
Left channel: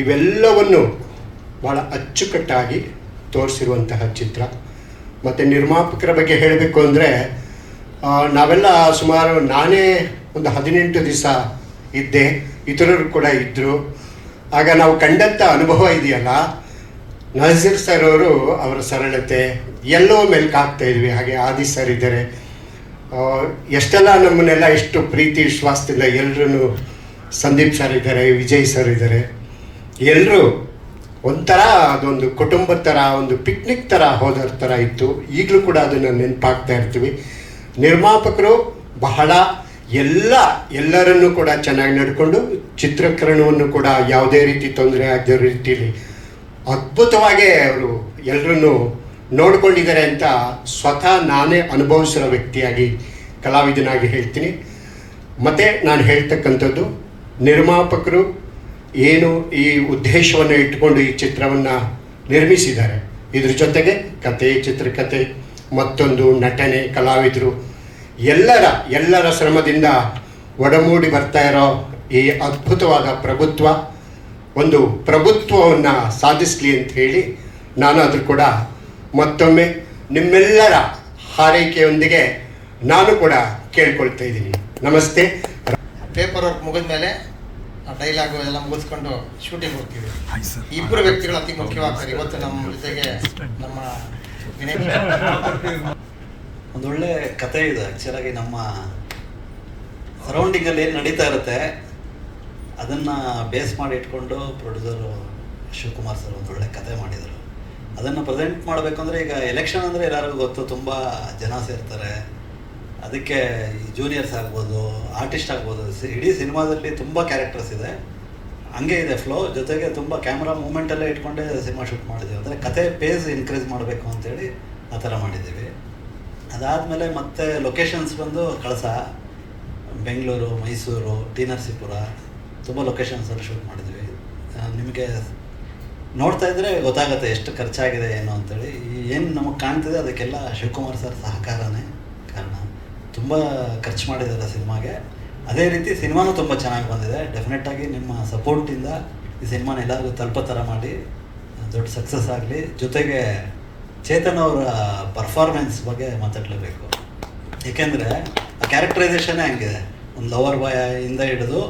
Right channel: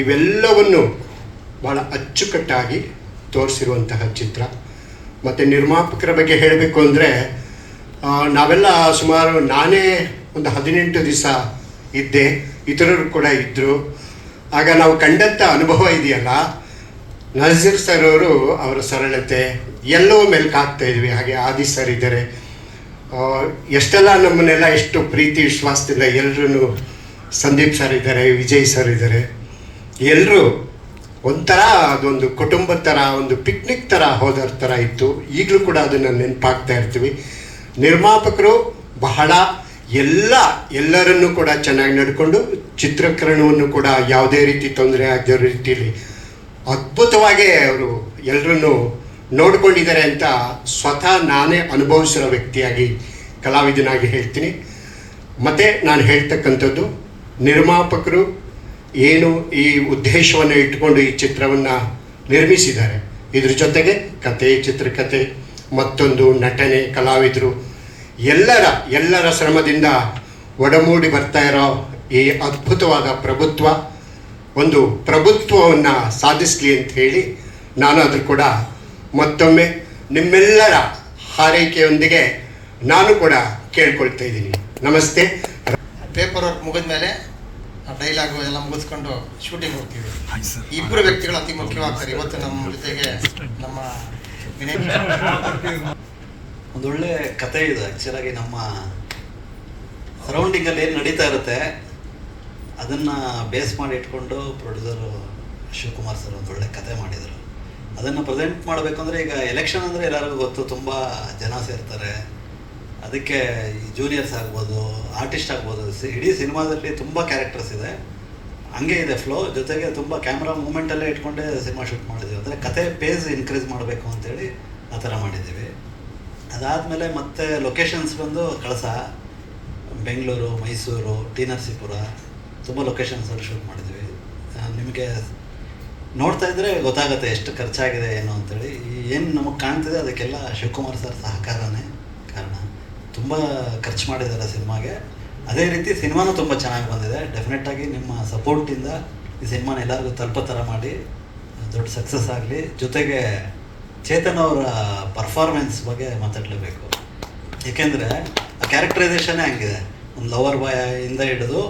ಇವೆಲ್ಲವನ್ನು ಭಾಳ ಅಚ್ಚುಕಟ್ಟಾಗಿ ತೋರಿಸಿರುವಂತಹ ಚಿತ್ರ. ಮತ್ತು ನಿರ್ಮಾಪಕರ ಬಗ್ಗೆ ಹೇಳಬೇಕು ಅಂದರೆ ನಾವೆಲ್ಲ ಸುಮಾರು ನಾನೇ ಒಂದು ಹದಿನೆಂಟು ದಿವಸ ಇದ್ದೆ. ಇತರರು ಕೂಡ ಇದ್ದರು ಆಗ ನಾವು ಕಂಡಂಥ ಅನುಭವ ಇದೆಯಲ್ಲ, ನಜೀರ್ ಸರ್ ಅವರು ಅವರ ಸರಳತೆ ಎಲ್ಲೋ ಮೇಲೆ ಹಾಕ್ತಾ ಇದ್ವಿ, ಹಾಗೆ ಆದಿ ಸರ್ ಇದ್ದಾರೆ. ಎಷ್ಟೆಲ್ಲ ನಮ್ಮನ್ನೆಲ್ಲ ಎಷ್ಟು ಪ್ರೀತಿ, ವಿಶ್ವಾಸದಿಂದ ಎಲ್ಲರೂ ಸಂದೀಪ್ ಸರ್ ಇದ್ದಾರೆ, ವಿಜಯ್ ಸರ್ ಇದ್ದಾರೆ. ಎಲ್ಲರೂ ಒಂಥರ ಅದೊಂದು ಕುಟುಂಬದ ಥರ, ಒಂದು ಪಿಕ್ನಿಕ್ ಥರ ಹೋದರ ಥರ ಇತ್ತು. ಈಗಲೂ ಕೂಡ ಅದನ್ನು ನೆನಪಾಗ್ತಾ ಇರ್ತೀವಿ. ನಿರ್ಮಾಪಕರು ಬಹಳ ಎಲ್ಲ ಎಲ್ಲರನ್ನೂ ಕೂಡ ಚೆನ್ನಾಗಿ ನಡ್ಕೊಂಡು ಚಿತ್ರೀಕರಣವನ್ನು ಕೂಡ ಯಾವುದೇ ರೀತಿ ತೊಂದರೆ ಆಗದ ರೀತಿಯಲ್ಲಿ ಅದ್ಭುತವಾಗಿ ಅವರು ಎಲ್ಲರನ್ನು ನೋಡ್ಕೊಂಡಿದ್ದಾರೆ ಅಂತ ಸ್ವತಃ ನಾನೇ ಅನುಭವಿಸಿರೋ ವ್ಯಕ್ತಿಯಾಗಿ ಕಲಾವಿದನಾಗಿ ಹೇಳ್ತೀನಿ. ಮತ್ತು ನಾನು ಹೇಳ್ತಕ್ಕಂಥದ್ದು, ನಿರ್ಮಾಪಕರು ಏನು ಈ ಉದ್ದೇಶವನ್ನು ಇಟ್ಟುಕೊಂಡು ಈ ಚಿತ್ರವನ್ನು ನಿರ್ಮಿಸಿದ್ದಾರೆ. ಇದ್ರ ಜೊತೆಗೆ ಕತೆ ಚಿತ್ರಕಥೆ, ಮತ್ತೊಂದು ನಟನೆ, ಕಲಾವಿದರು ಎಲ್ಲರ ಎಲ್ಲರ ಶ್ರಮದಿಂದ ಒಡಮೂಡಿ ಬರ್ತಾ ಇರೋ ಈ ಅದ್ಭುತವಾದ ಪ್ರಭುತ್ವ ಒಂದು ಪ್ರಭುತ್ವವನ್ನು ಸಾಧಿಸಲಿ ಅಂತ ಹೇಳಿ ನಾನು ಅದು ಕೂಡ ಮತ್ತೊಮ್ಮೆ ನಿಮ್ಮೆಲ್ಲರ ಹಾರೈಕೆಯೊಂದಿಗೆ ನಾನು ಕೂಡ ಕೇಳ್ಕೊಳ್ತಾ ಇದ್ದೀನಿ. ನಮಸ್ತೆ. ಪೇಪರ್ ವರ್ಕ್ ಮುಗಿದ ಮೇಲೆ ಡೈಲಾಗು ಎಲ್ಲ ಮುಗಿಸ್ಕೊಂಡು ಶೂಟಿಂಗ್ ಹೋಗ್ತೀವಿ. ಇಬ್ಬರು ವ್ಯಕ್ತಿಗಳು ಅತಿ ಮುಖ್ಯವಾಗ್ತಾರೆ. ಇವತ್ತು ನಮ್ಮ ಜೊತೆಗೆ ನಮ್ಮ ಒಂದೊಳ್ಳೆ ಕತೆ ಇದೆ. ಆ್ಯಕ್ಚುಲಾಗಿ ನಮ್ಮ ಸರೌಂಡಿಂಗಲ್ಲಿ ಏನು ನಡೀತಾ ಇರುತ್ತೆ, ಅದನ್ನು ಬೇಸ್ ಮಾಡಿ ಇಟ್ಕೊಂಡು ಪ್ರೊಡ್ಯೂಸರು ಶಿವಕುಮಾರ್ ಸರ್ ಒಂದೊಳ್ಳೆ ಕತೆ ಮಾಡಿದರು. ಅದನ್ನು ಪ್ರೆಸೆಂಟ್ ಮಾಡಬೇಕಂದ್ರೆ ಈಗ ಎಲೆಕ್ಷನ್ ಅಂದರೆ ಎಲ್ಲರಿಗೂ ಗೊತ್ತು, ತುಂಬ ಜನ ಸೇರ್ತಾರೆ. ಅದಕ್ಕೆ ಜೂನಿಯರ್ಸ್ ಆಗ್ಬೋದು ಆರ್ಟಿಸ್ಟ್ ಆಗ್ಬೋದು ಇಡೀ ಸಿನಿಮಾದಲ್ಲಿ ತುಂಬ ಕ್ಯಾರೆಕ್ಟರ್ಸ್ ಇದೆ. ಹಂಗೆ ಇದೆ ಫ್ಲೋ ಜೊತೆಗೆ ತುಂಬ ಕ್ಯಾಮ್ರಾ ಮೂಮೆಂಟಲ್ಲೇ ಇಟ್ಕೊಂಡೇ ಸಿನಿಮಾ ಶೂಟ್ ಮಾಡಿದ್ದೀವಿ. ಅಂದರೆ ಕತೆ ಪೇಸ್ ಇನ್ಕ್ರೀಸ್ ಮಾಡಬೇಕು ಅಂತೇಳಿ ಆ ಥರ ಮಾಡಿದ್ದೀವಿ. ಅದಾದಮೇಲೆ ಮತ್ತೆ ಲೊಕೇಶನ್ಸ್ ಬಂದು ಕಳಸ. ಬೆಂಗಳೂರು, ಮೈಸೂರು ಟಿ ನರಸೀಪುರ ತುಂಬ ಲೊಕೇಶನ್ಸಲ್ಲಿ ಶೂಟ್ ಮಾಡಿದ್ವಿ. ನಿಮಗೆ ನೋಡ್ತಾ ಇದ್ದರೆ ಗೊತ್ತಾಗುತ್ತೆ ಎಷ್ಟು ಖರ್ಚಾಗಿದೆ ಏನು ಅಂತೇಳಿ. ಏನು ನಮಗೆ ಕಾಣ್ತಿದೆ ಅದಕ್ಕೆಲ್ಲ ಶಿವಕುಮಾರ್ ಸರ್ ಸಹಕಾರನೇ ಕಾರಣ. ತುಂಬ ಖರ್ಚು ಮಾಡಿದ್ದಾರೆ ಸಿನಿಮಾಗೆ. ಅದೇ ರೀತಿ ಸಿನಿಮಾನೂ ತುಂಬ ಚೆನ್ನಾಗಿ ಬಂದಿದೆ. ಡೆಫಿನೆಟ್ಟಾಗಿ ನಿಮ್ಮ ಸಪೋರ್ಟಿಂದ ಈ ಸಿನಿಮಾನ ಎಲ್ಲರಿಗೂ ತಲುಪೋ ಥರ ಮಾಡಿ. ದೊಡ್ಡ ಸಕ್ಸಸ್ ಆಗಲಿ. ಜೊತೆಗೆ ಚೇತನ್ ಅವರ ಪರ್ಫಾರ್ಮೆನ್ಸ್ ಬಗ್ಗೆ ಮಾತಾಡಲೇಬೇಕು. ಏಕೆಂದರೆ ಆ ಕ್ಯಾರೆಕ್ಟರೈಸೇಷನೇ ಹಂಗಿದೆ ಒಂದು ಲವರ್ ಬಾಯ್ ಇಂದ ಹಿಡಿದು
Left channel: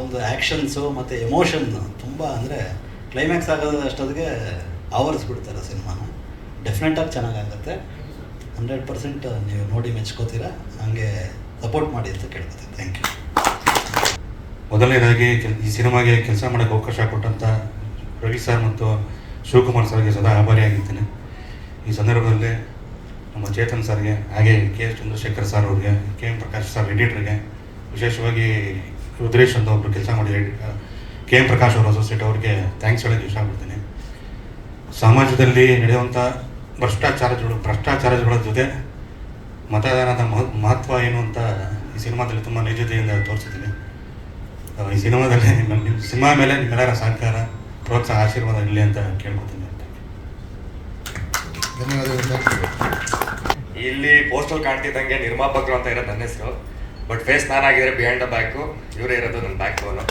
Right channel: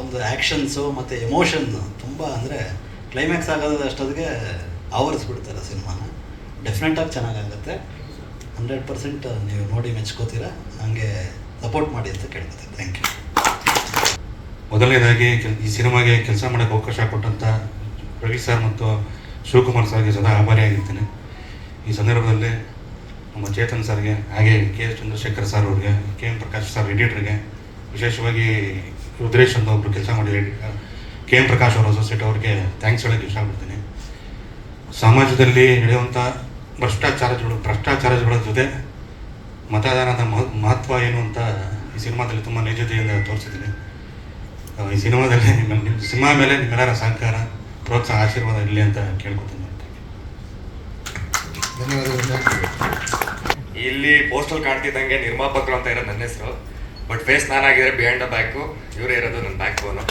ಒಂದು ಆ್ಯಕ್ಷನ್ಸು ಮತ್ತು ಎಮೋಷನ್ ತುಂಬ ಅಂದರೆ ಕ್ಲೈಮ್ಯಾಕ್ಸ್ ಆಗೋದು ಅಷ್ಟೊತ್ತಿಗೆ ಆವರಿಸ್ಬಿಡ್ತಾರೆ ಸಿನಿಮಾನ. ಡೆಫಿನೆಟಾಗಿ ಚೆನ್ನಾಗಾಗುತ್ತೆ. ಹಂಡ್ರೆಡ್ ಪರ್ಸೆಂಟ್ ನೀವು ನೋಡಿ ಮೆಚ್ಕೋತೀರಾ, ಹಂಗೆ ಸಪೋರ್ಟ್ ಮಾಡಿ ಅಂತ ಕೇಳ್ತೀನಿ ಥ್ಯಾಂಕ್ ಯು ಮೊದಲನೇದಾಗಿ ಈ ಸಿನಿಮಾಗೆ ಕೆಲಸ ಮಾಡೋಕ್ಕೆ ಅವಕಾಶ ಕೊಟ್ಟಂಥ ರವಿ ಸರ್ ಮತ್ತು ಶಿವಕುಮಾರ್ ಸರ್ಗೆ ಸದಾ ಆಭಾರಿಯಾಗಿದ್ದೇನೆ ಈ ಸಂದರ್ಭದಲ್ಲಿ ನಮ್ಮ ಚೇತನ್ ಸರ್ಗೆ, ಹಾಗೆ ಕೆ ಎಸ್ ಚಂದ್ರಶೇಖರ್ ಸರ್ ಅವ್ರಿಗೆ, ಕೆ ಎಂ ಪ್ರಕಾಶ್ ಸರ್ ಎಡಿಟರ್ಗೆ ವಿಶೇಷವಾಗಿ ರುದ್ರೇಶ್ ಅಂತ ಒಬ್ಬರು ಕೆಲಸ ಮಾಡಿ ಕೆ ಎಂ ಪ್ರಕಾಶ್ ಅವರ ಅಸೋಸಿಯೇಟ್ ಅವ್ರಿಗೆ ಥ್ಯಾಂಕ್ಸ್ ಹೇಳೋಕ್ಕೆ ಇಷ್ಟಪಡ್ತೀನಿ ಸಮಾಜದಲ್ಲಿ ನಡೆಯುವಂಥ ಭ್ರಷ್ಟಾಚಾರಗಳು, ಭ್ರಷ್ಟಾಚಾರಗಳ ಜೊತೆ ಮತದಾನದ ಮಹ- ಮಹತ್ವ ಏನು ಅಂತ ಈ ಸಿನಿಮಾದಲ್ಲಿ ತುಂಬ ನೈಜತೆಯಿಂದ ತೋರಿಸಿದ್ದೀನಿ. ಈ ಸಿನಿಮಾದಲ್ಲಿ ನಮ್ಮ ಸಿನಿಮಾ ಮೇಲೆ ನಿಮ್ಮೆಲ್ಲರ ಸಹಕಾರ, ಪ್ರೋತ್ಸಾಹ, ಆಶೀರ್ವಾದ ಇರಲಿ ಅಂತ ಕೇಳ್ಕೊತೀನಿ. ಇಲ್ಲಿ ಪೋಸ್ಟಲ್ ಕಾಣ್ತಿದ್ದಂಗೆ ನಿರ್ಮಾಪಕರು ಅಂತ ಇರೋದು ನನ್ನ ಹೆಸರು. ಬಟ್ ಫೇಸ್ ನಾನಾಗಿದ್ರೆ ಬಿಯಾಂಡ್ ದ ಬ್ಯಾಕು ಇವರೇ ಇರೋದು ನನ್ನ ಬ್ಯಾಕ್ ಬೋನು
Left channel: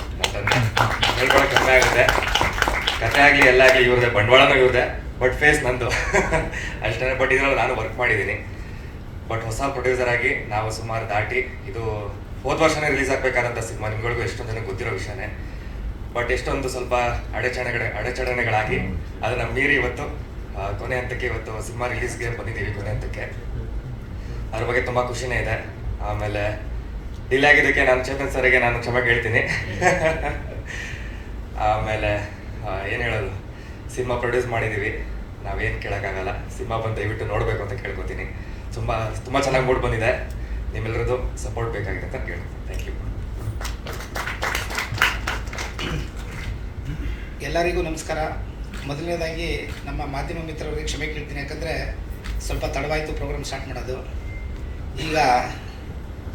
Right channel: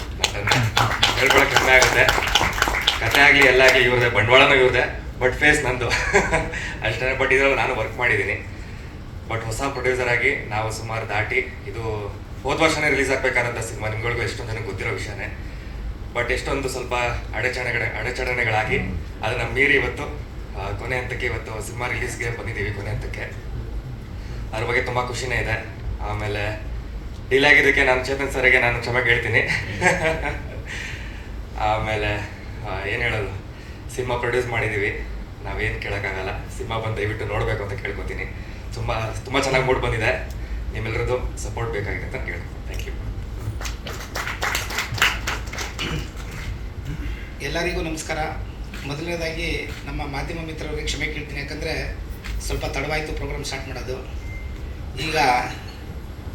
ಹೇಳ್ಕೊಳಕ್ ಕಮ್ಮಿ ಆಗುತ್ತೆ. ಕತೆ ಆಗಲಿ ಎಲ್ಲ ಆಗಲಿ ಇವ್ರದೇ ಬಂಡವಾಳನೂ ಇವ್ರದೇ ಬಟ್ ಫೇಸ್ ನಂದು. ಅಷ್ಟೇ ಬಟ್ ಇದರಲ್ಲಿ ನಾನು ವರ್ಕ್ ಮಾಡಿದ್ದೀನಿ. ಬಟ್ ಹೊಸ ಪ್ರೊಡ್ಯೂಸರ್ ಆಗಿ ನಾವು ಸುಮಾರು ದಾಟಿ, ಇದು ಹೋದ ವರ್ಷನೇ ರಿಲೀಸ್ ಆಗಬೇಕಾದಂಥ ಸಿನಿಮಾ, ನಿಮ್ಗಳಿಗೂ ಎಷ್ಟೊಂದು ನನಗೆ ಗೊತ್ತಿರೋ ವಿಷಯನೇ. ಬಟ್ ಎಷ್ಟೊಂದು ಸ್ವಲ್ಪ ಅಡೆಚಣೆಗಳ, ಅಡೆಚಣೆಗಳಾಗಿ, ಅದನ್ನ ಮೀರಿ ಇವತ್ತು ಕೊನೆ ಹಂತಕ್ಕೆ ಇವತ್ತು ಸಿನಿಮಾ ರಿಲೀಸ್ಗೆ ಬಂದಿದ್ದೀವಿ ಕೊನೆ ಹಂತಕ್ಕೆ. ಅದ್ರ ಬಗ್ಗೆ ತುಂಬ ಖುಷಿನೇ ಇದೆ. ಆಮೇಲೆ ಡಿಲೇ ಆಗಿದ್ದಕ್ಕೆ ನಾನು ಚೇತನ್ ಸರಿಗೆ ನಾನು ಕ್ಷಮೆ ಕೇಳ್ತೀನಿ. ಆಮೇಲೆ ಏನು ಹೇಳೋದು? ಸಿನಿಮಾ ಪ್ರೊಡ್ಯೂಸ್ ಮಾಡಿದ್ದೀವಿ. ನಾವೇನು ಕೇಳೋಕ್ಕಾಗಲ್ಲ. ಸಿನಿಮಾ ಬಂದು ದಯವಿಟ್ಟು ನೋಡಬೇಕು ಅಂತ ಕೇಳ್ಕೊತೀನಿ. ತುಂಬ ತುಂಬ ಚೆನ್ನಾಗಿ ಮೂಡ್ ಬಂದಿದೆ. ನಿಮ್ಮೆಲ್ಲರದ್ದು ಸಪೋರ್ಟ್ ಬೇಕಾಗಿದೆ ಅಂತ ಕೇಳಿ ಥ್ಯಾಂಕ್ ಯು ಎಲ್ಲರಿಗೂ ನಮಸ್ಕಾರ. ಮೊದಲನೇದಾಗಿ ನಮ್ಮ ಮಾಧ್ಯಮ ಮಿತ್ರರಿಗೆ ಕ್ಷಮೆ ಕೇಳ್ತೀನಿ. ಯಾಕಂದರೆ ಸ್ವಲ್ಪ ತಡವಾಯಿತು ಪ್ರೋಗ್ರಾಮ್ ಸ್ಟಾರ್ಟ್ ಮಾಡೋದು. ಈಗ